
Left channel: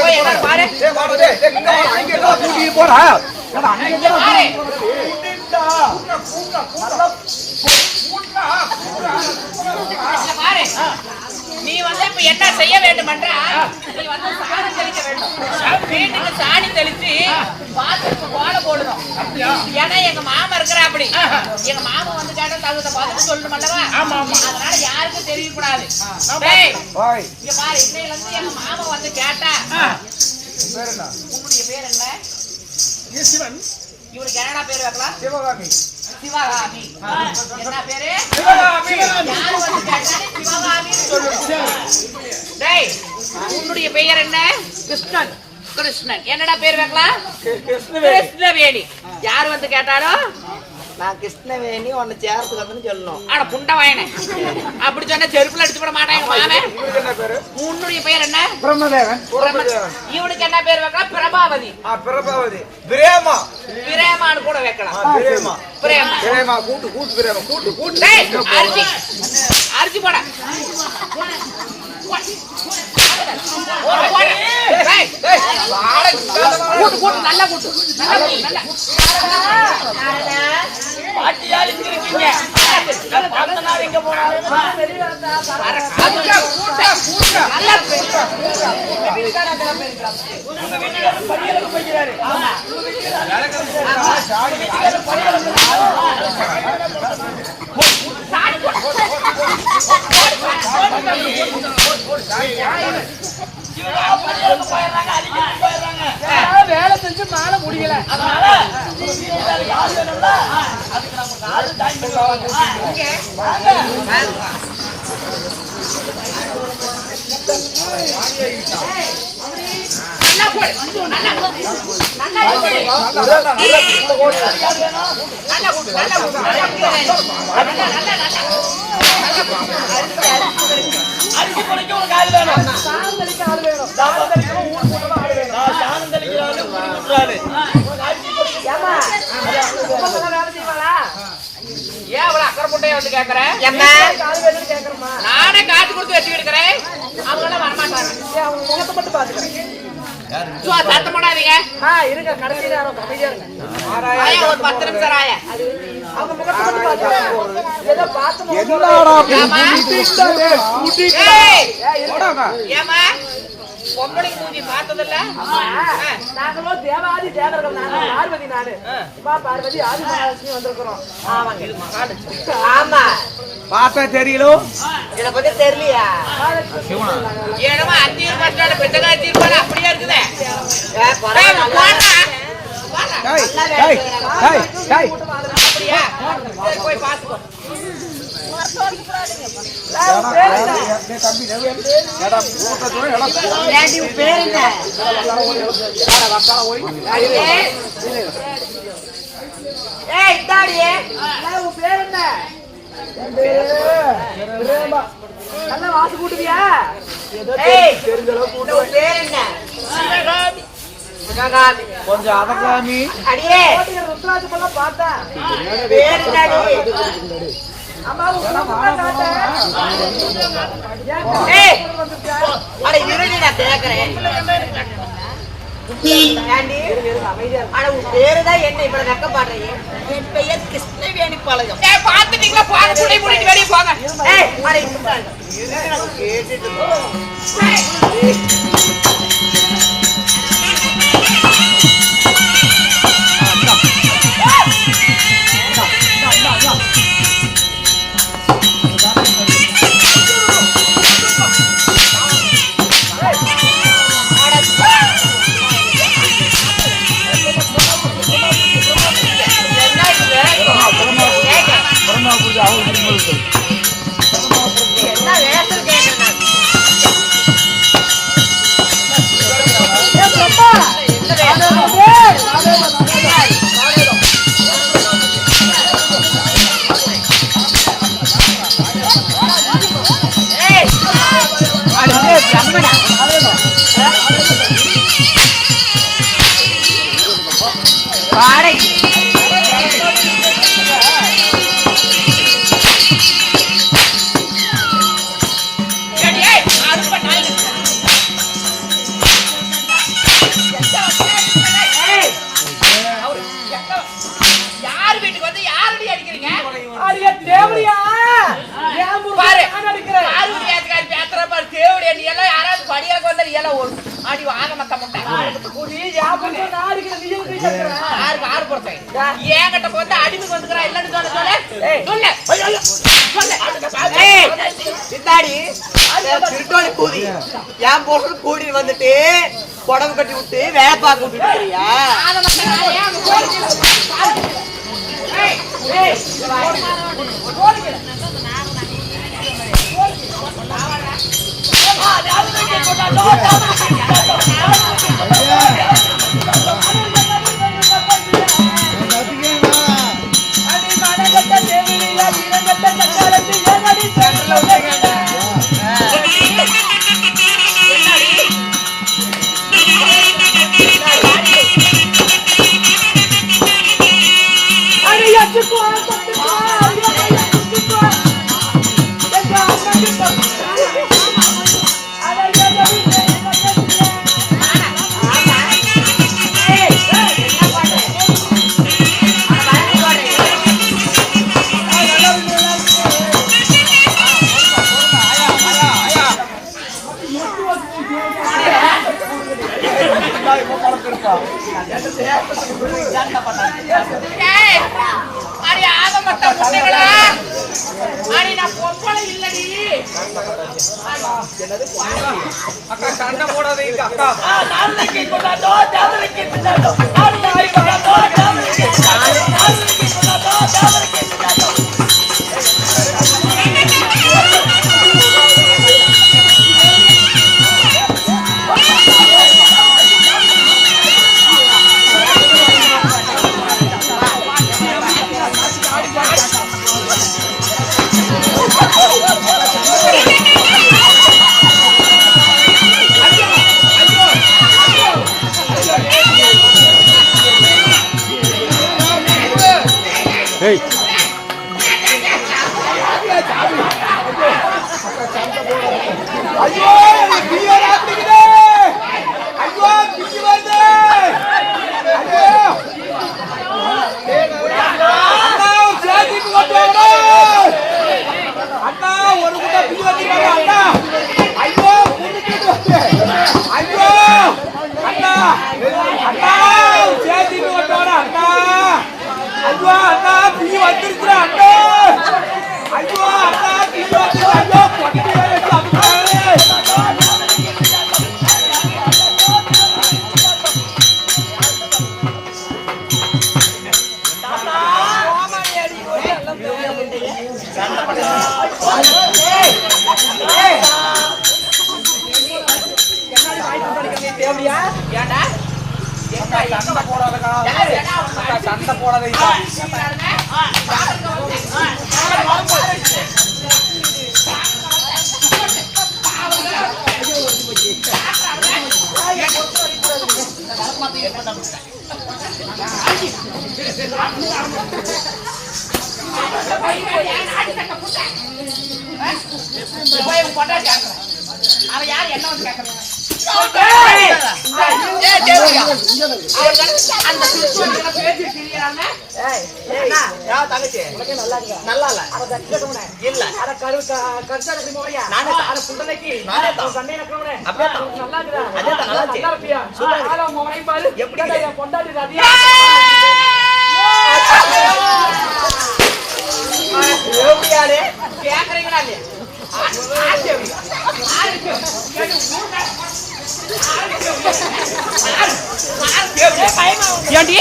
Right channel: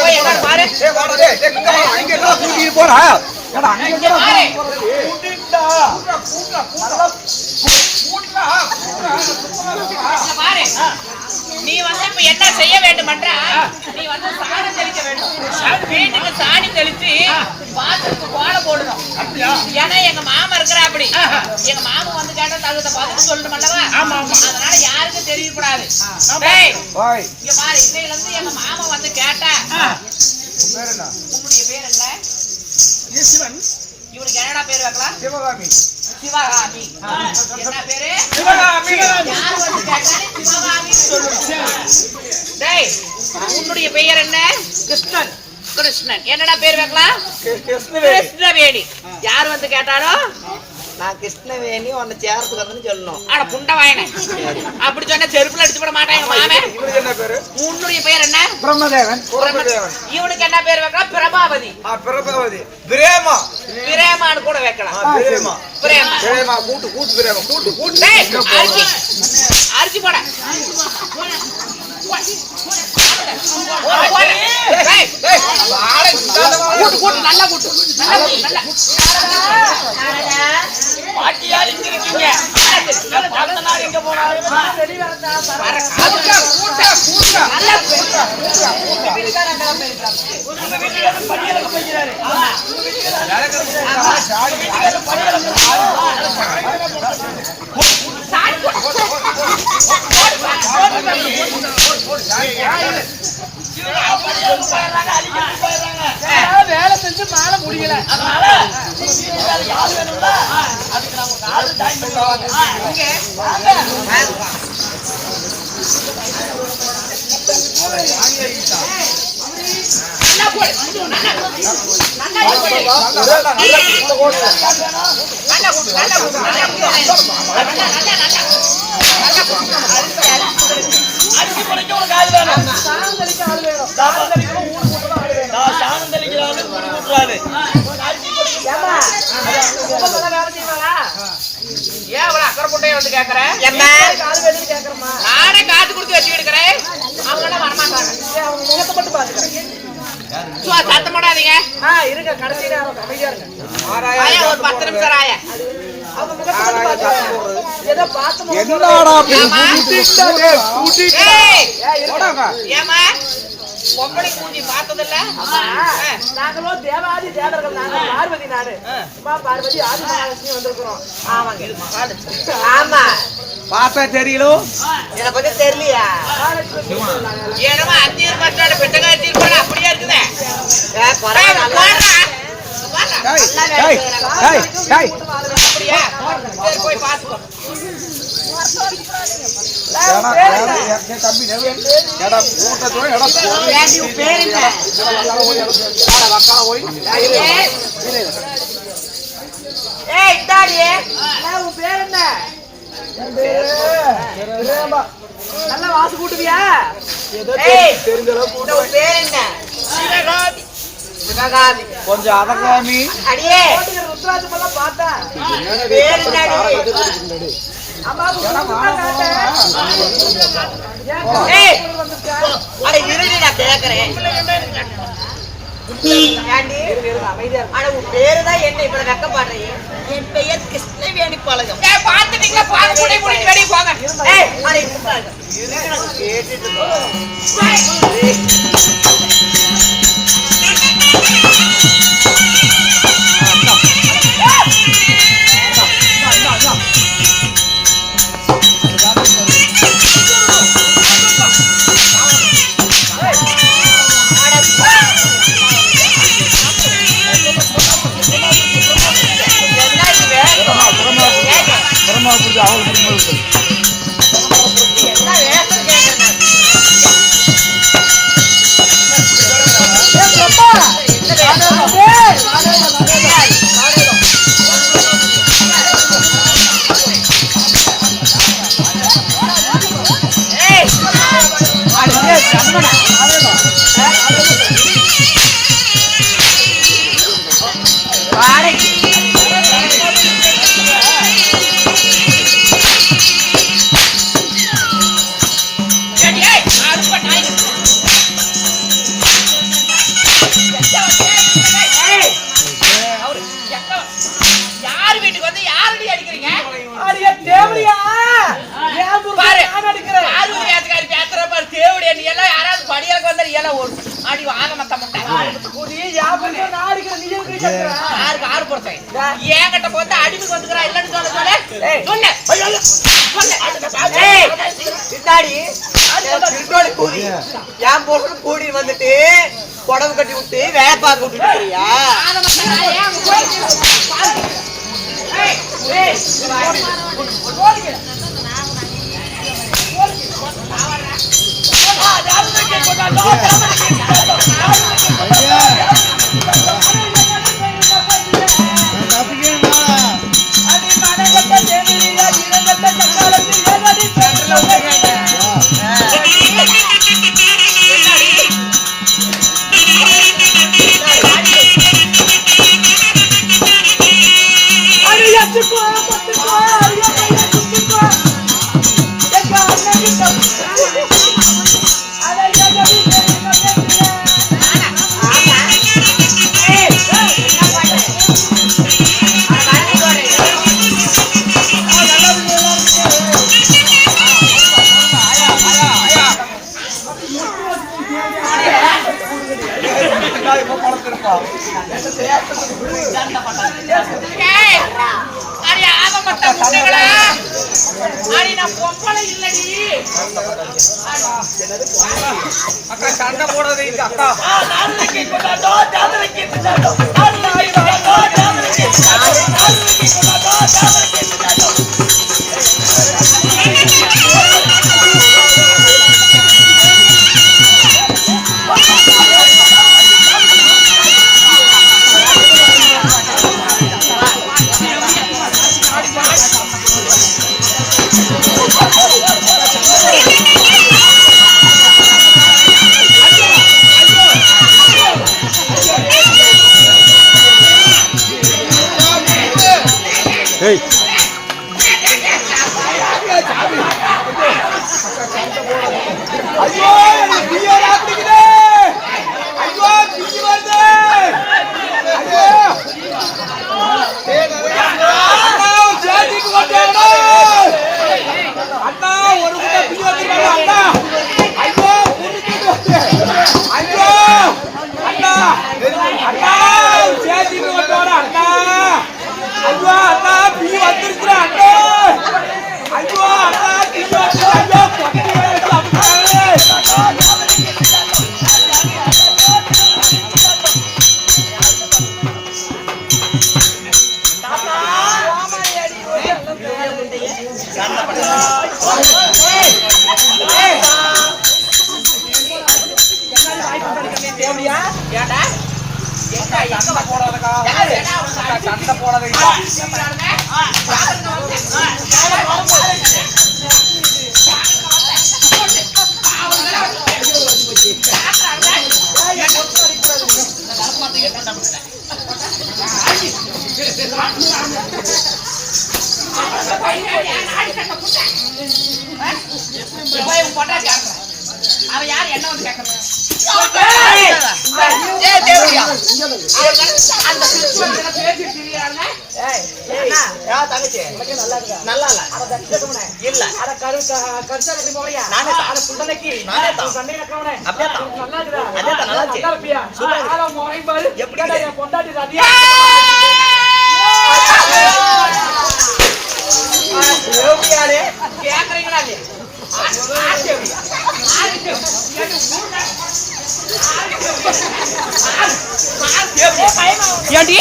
போய் என்ன பாரு பாரு. பாரு, நீ வந்து இப்ப என்ன செய்ய வேண்டும் என்றா, நீ வந்து சாணி தெளிக்க வேண்டும். வீட்டுக்கு சாணி தெளிச்சு பாத்திரத்துக்கு கோலம் போடணும். ஏன்னா எங்க மாமா இருக்கிற அப்படி, எங்க மாமா வந்து கேட்டா தகுந்த பதில் சொல்லணும் அல்லவா, அதனால யாருக்கும் தெரியக்கூடாது. இங்க பாரு, இன்னையில இருந்து எங்க மாமா வந்து கேட்டா, உன்னுடைய பேர் என்ன? சிவன். இவனுக்கு என்னடா பேர் வைக்கலாம்? சிவகாமி. சிவகாமி. என்ன பேரு? சிவகாமி. யாரு வந்து கேட்டாலும் சிவகாமின்னு சொல்லணும். டேய், உன்னுடைய பெயர் என்ன? கிருஷ்ணன். கிருஷ்ணன். என்னடா பேர் வைக்கலாம்? கிருஷ்ணவேணி. யார் வந்து கேட்டாலும் நான் கிருஷ்ணவேணி உன்னை சேர்த்துக்கு வந்து சொல்லணும். ஆனா புண்டை வாயனே, அப்படி சொன்னா செருப்புல அடிச்சு விட மாட்டான் எங்க மாமன். உன்னுடைய பெயர் என்ன? பிரம்மதேவன். இவனுக்கு என்ன பேர் வைக்கலாம்? பிரபாவதி. பிரபாவதி. பிரேமா. பிரேமான்னு கூட வைக்கலாம். பிரேமா. பிரேமா. பிரேமா. கூட்டு கூட்டு பிரேமா. கூட்டு கூட்டு. டேய், அரிசி அரிசி போட. நல்லா கூட்டு. பாட்டியார் இங்க இருக்கீங்க. பார்த்தனார் எங்க போனாரு? வேலை செஞ்சு மேல முடியல, அதனால யாரு வேணும்ல, அதுக்கு நமக்கு ஆளு ஜாயின் பண்ணிடுவாங்க. நல்லா போடு. நல்லா அரிசி படைக்க உனக்கு ஆள் வேணும், சாணம் தெளிக்க ஆள் வேணும், சாணம் தெளிக்கணும், ஊடு கூட்டணும் ஆள் வேணும். சாணம் தெளிக்கிறாரு, ஊடு கூட்டுறாரு. அரிசி படைக்க வேலை செய்வாளா? ஏன் அவளை அக்கறை முட்டையை வந்து கேக்குறேன்? ஆள் வேணும்னு கேக்குறமா? நானே காட்டு கொடுத்து வச்சு எடுக்கிறேன், அவங்க எல்லாம் வரமாட்டாங்க. அவங்க முகத்தை மட்டும் பாத்துக்கிறேன். சத்தம் போடாதீங்க. இருங்க, கடைசி நேரம் அமைதியா இருங்க. ஆயா ஒரு 10 நிமிஷம் ஆயா. அவங்க முகத்தை மட்டும் பாத்துக்கிறேன். ஏதோ பார்த்து முகம் ஏமா ஏமா பொம்பளைக்கு மூஞ்சி பார்த்ததில்ல? நாங்களும் தேவாதி தேவர்கள், நாங்க பார்வதி, நானு உமா பார்வதி ஆதி மகாலட்சுமி வந்திருக்கிறோம். ஆமா, பார்த்தா தெரியல. இதை பத்தி தெரியலையா? ஏனமா 5 பஸ்டாண்டு பெட்டகாச்சி இருப்பாரு, அப்படியே இருக்குதே. அப்படியா? சரி, போய் பாத்துக்கோ. பேர் என்ன? ஏய் இந்தாடியே, பேர் என்ன? நல்லா வாசி கூட்டுவியா? ஏய் உன் பேர் என்ன? சிவகாமி. கொஞ்சம் அதகாமி. அடியே ருத்ராஜ் போல பார்த்தேன். பேர் என்னடி? ஏய் அட இருடி, நான் கேக்குறேன். ஏண்டி? அட உன் பேருதான் என்ன இப்ப வெக்கப்படுறீங்க? என் பெயர் கிருஷ்ணவேணி பாளையம். ஏய் பாத்துட்டீங்களா? பாத்து குடி குடி வெளிய போங்க. ஏய் அட இருங்க, கேட்டுட்டு என்ன வேலை கேட்க தேவடியா ஏன் பாரு நான் அடிக்கிறேன் பார்வதி ஏத்துக்காரி பேசுற பாரு தேவடியா நீ எல்லாம் யாராவது படியாக்கு வந்தா நீ எல்லாம் ஓடு அடி வாங்க மத்த முட்டை கூடி யாபம் நான் அடிக்கிறேன் நீ எதுக்கு கேக்குற யாருக்கு ஆறு போறேன் ஏங்கிட்ட போட்டு அடிமைக்கு வந்துக்கறா இல்லன்னு சொல்ல சொல்லு சொல்லு ஏய் இந்தாடி திருட்டோட கூடி ஏன் போறது கூடி வந்துட்டு புடவை கட்டி விட்டு வேலை பார்க்க விட்டுட்டு இருக்கறியா ஆத மத்த ஏன் போய் ஏய் ஏய் போடுங்க சண்டை போடாதே அக்கா ஐயோ பியர் ஆப்பிடுக்குதே ஐயோ பிய வருது ஐயோ அண்ணா ஒரு சேட்டிக்கு கொண்டாடா அண்ணா ஒரு குட்ட பிய வந்துறாங்க அண்ணா ஐயோ புடிச்சிட்டு வந்து ஐயோ அண்ணா அண்ணா ஒரு சேட்டிக்கு கொண்டாடா அண்ணா ஐயோ அண்ணா பிய வந்துருக்குடா அண்ணா ஐயோ அண்ணா பிய வந்து ஐயோ கொட்டி வச்சு அமுக்குறாங்களே தேவடியா ஏண்டா சண்டை போடாதக்கா அக்கா சண்டை போடாதீங்க அவன் யாரு என்ன வந்து கேட்கறான் அந்த நல்லா இல்ல இல்ல கேக்குறீங்களா இல்லையா ஏண்டி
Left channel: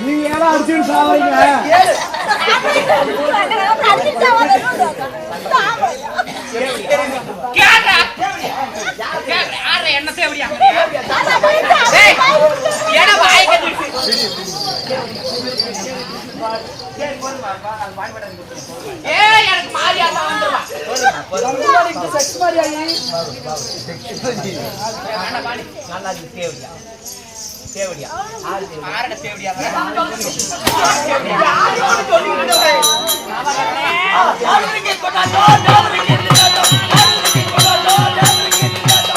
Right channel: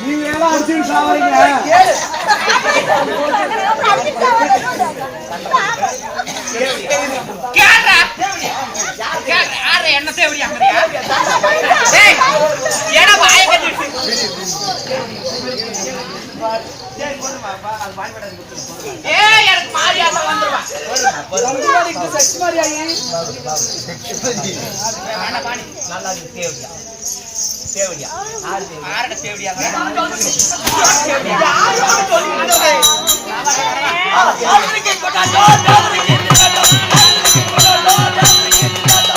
நீங்க எல்லாம் அடிச்சு சாவறீங்க என்ன தேவடியா ஏன்னா வாய் சரி போதுமாப்பா அது பாடிபட கொடுத்துருங்க எனக்கு மாரியாதான் வந்துருவான் செக்ஸ் மாதிரியா நல்லா தேவையா தேவடியா ஆறு தேவடியா ஆரட தேவடியா யாருக்கு கொண்டாடோ யாருக்கு கொண்டாடோ யாருக்கு கொண்டாடோ யாருக்கு கொண்டாடோ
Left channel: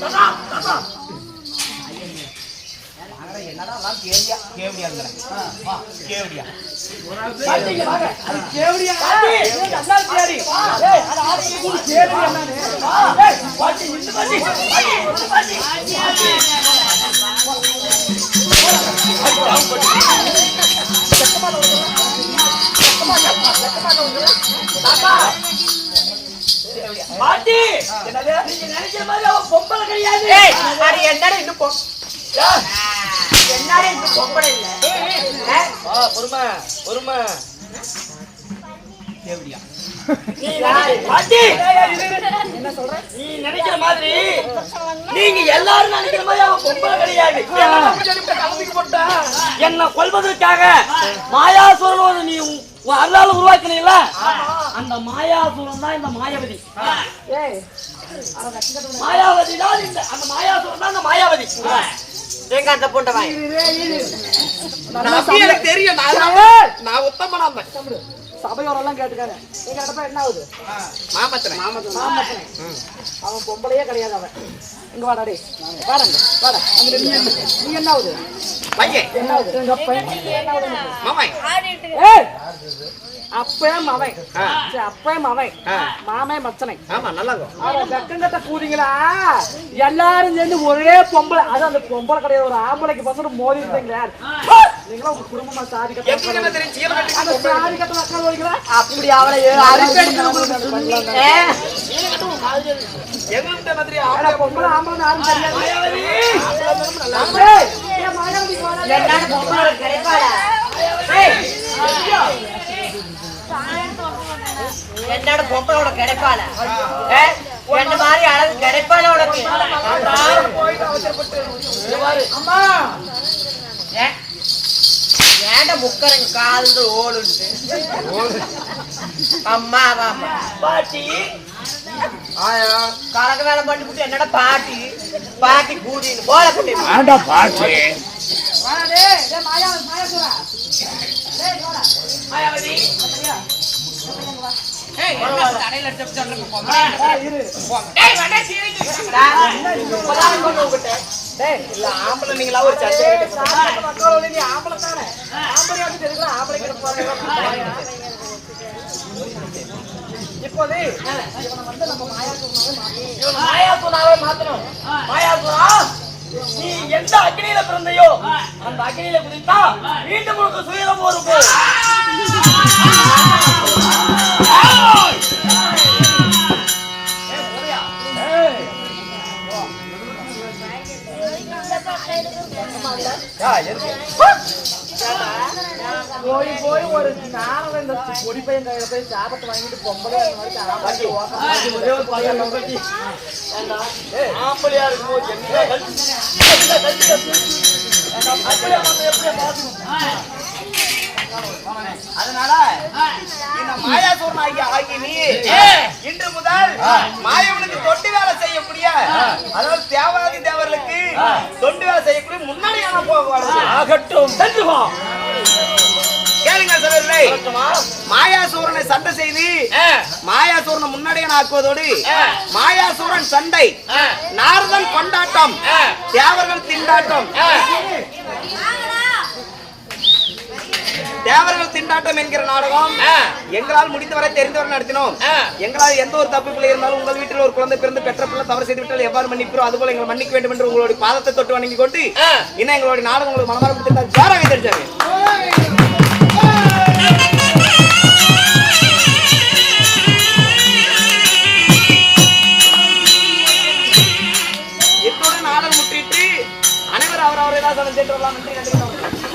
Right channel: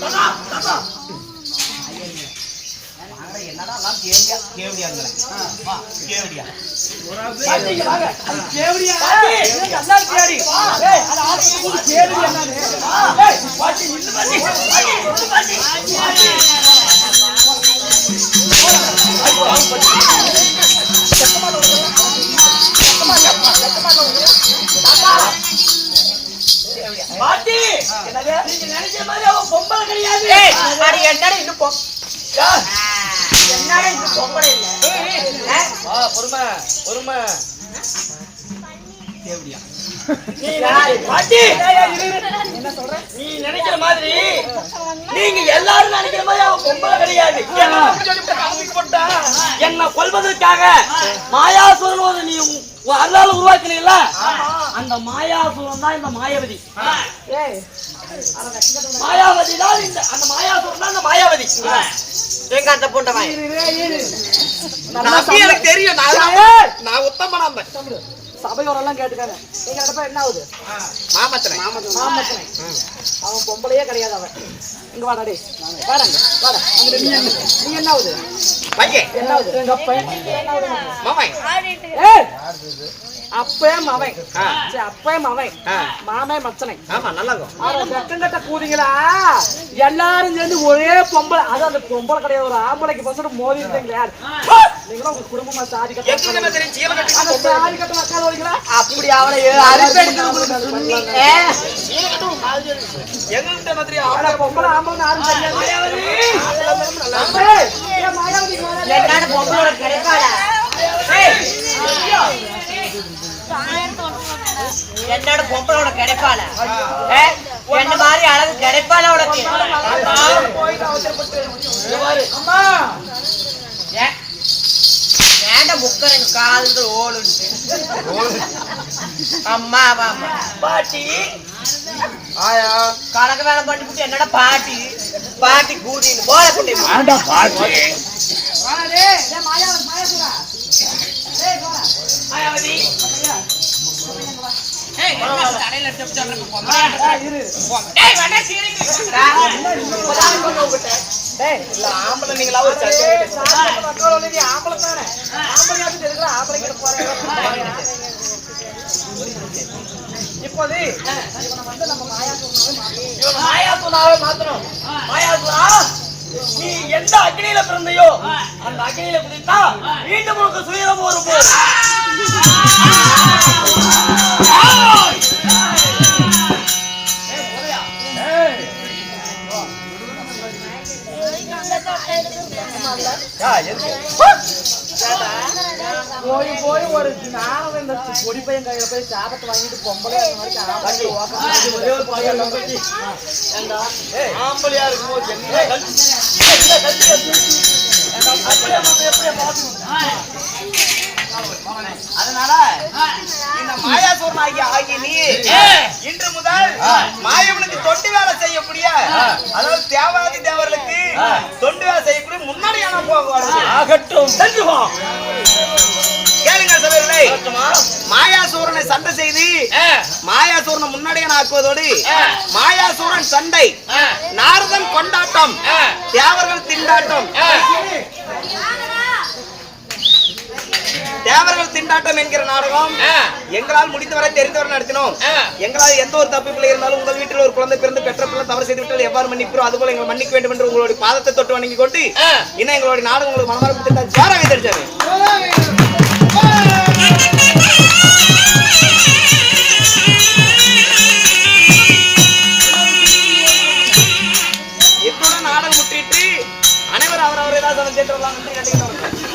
ததா ததா என்னடா எல்லாம் தேவடியா தேவடியாங்களே வா தேவடியா பாத்தீங்க வாங்க அது கேவடியா நல்லா கேடி ஏய் அது ஆளுக்கு கூட கேடி என்னன்னு ஏய் பாட்டி நின்னு பாட்டி பாட்டி நின்னு பாட்டி பாட்டி நீங்க நினைக்கிற மாதிரி அவன் பொம்பளை கிடையாது. அது என்னடா இன்னும் என்னடா இன்னும் பொம்பளை இல்ல பொறுமை பொறுமை தேவடியா பாட்டி என்ன சொல்ற நீ நினைக்கிற மாதிரி நீங்க எல்லாரும் நினைக்கிற மாதிரி அவன் பொம்பளை கிடையாது. கலந்துக்கு போட்டா என்ன கொல்வதற்காக மாயாசுரன் ஒரு நீ உன் அருளால உருவாக்கினீங்களா அந்த மாயாசுரன் தான் இந்த மாயாவதி. ஏய் மாயாவதி தான் இந்த அந்த மாயாசுரன் தான் இந்த மாயாவதி. எங்க அந்த பொண்டவன் நல்லா எனக்கு தெரியும் நான் உத்தமனாம சபையோரெல்லாம் கேட்டுக்காங்க எங்க இடப்ப என்ன ஆகுது மாமத்தனை மாமத்தனை அவன் பொம்பளையே கிடையாது அவன் இங்க வாடா டேய் வாடங்க வாடா அந்த நீ என்ன ஆகுது பையன் என்ன ஆகுது எங்க அப்பா என்ன ஆகுது உனக்கு? மாமாய் ஏய் அப்பே மவன் சரி அப்பே மவன் மாமே மச்சனை ஆமா நல்லாங்க அட வெக்கங்கட்ட கூதிங்களா எல்லாரும் சேர்ந்து ஒரே பொம்பளை அது அந்த பொம்பளை கிடையாது ஒரு ஆம்பளைக்கு பசங்க மோதி இருந்தீங்களா நீங்களா உங்க குடும்பமா சாதி கட்ட தெரியும் சீல கட்டி அந்த சாதி கட்ட அக்கா ஓடிங்களா அப்படி அவளை எங்களுக்கு மாதிரி ஆனா பொம்பளை ஆம்பளை யாரும் தெரியாது என்னடா பொம்பளை கிடைப்பாடா என்னோட பொம்பளோட கிடைப்பாள என்ன மாதிரி அழகு கிடைப்பாள உனக்கு அம்மா ஏன்டா முக்கரங்க கால்கள் ஓடுன்ட்டு அம்மா அம்மா பாட்டி கலக்க வேலை பண்ணி விட்டு என்னடா பாட்டி பாட்டி கூடின்னு போல கூட்டி மாயாவதி தலையில எடுத்து சொல்றேன் பொம்பளை இரு இல்ல ஆம்பளை நீங்களா ஒரு சட்டை ஆம்பளை தானே ஆம்பளையாவது தெரியுங்களா ஆம்பளை கிட்ட போறேன் இப்போது இவனை வந்து நம்ம மாயாசுனாவே மாத்தணும். மாயாசுனா நீ எந்த அக்னியில பிறந்தையோ அந்த அக்னியில குதித்தா மீண்டும் உனக்கு சுயரம் வரும். போய் போய் ஒரு நானும் இந்த பொடி பையன் கையில போய் சாபத்தை வாங்கிட்டு பொம்பளை அந்த மாதிரி ஆம்பளை ஒரே ஒரு பையன் நம்பி ஏண்டா ஆம்பளையா இருக்கும்போது என்ன அதனால இந்த மாயாசூரன் ஆகிய நீ இன்று முதல் மாயவனுக்கு தொண்டு வேலை செய்யக்கூடிய அதாவது தேவாதி தேவர்களுக்கு தொண்டு வேலை செய்யக்கூடிய முன்னாடியான போக ஆகட்டும் கேளுங்க சபையிலே மாயாசூரனை சண்டை செய்து மாயாசூரனை முன்னாடியான ஆக்குவதோடு மாயாசூரன் சண்டை நாரதன் கொண்டாட்டம் தேவர்கள் திண்டாட்டம் தேவர்கள் திண்டாட்டம் என்கிற நாடகம் எங்களால் முடிந்தவரை தெரிந்தவரை நடத்தினோம். எங்களால் எந்த ஒரு தப்பு பிள்ளை இருந்தாலும் உங்கள் வீட்டில் ஒரு குழந்தை பிறந்து பெற்ற பிள்ளை தவறு செய்து விட்டால் எவ்வாறு மன்னிப்போம் அதுபோல எங்களை மன்னிக்க வேண்டும் என்று உங்களுடைய பாதத்தை தொட்டு வணங்கி கொண்டு இன்னும் எங்களுடைய நாடகம் உங்களுக்கு மனமாற பிடித்திருந்தால் ஜாராக தெரிஞ்சாவே இத்துடன் நாடகம் முற்றிட்டு அனைவரும் அவர் அவரை தான் சென்று வரலாம். நன்றி.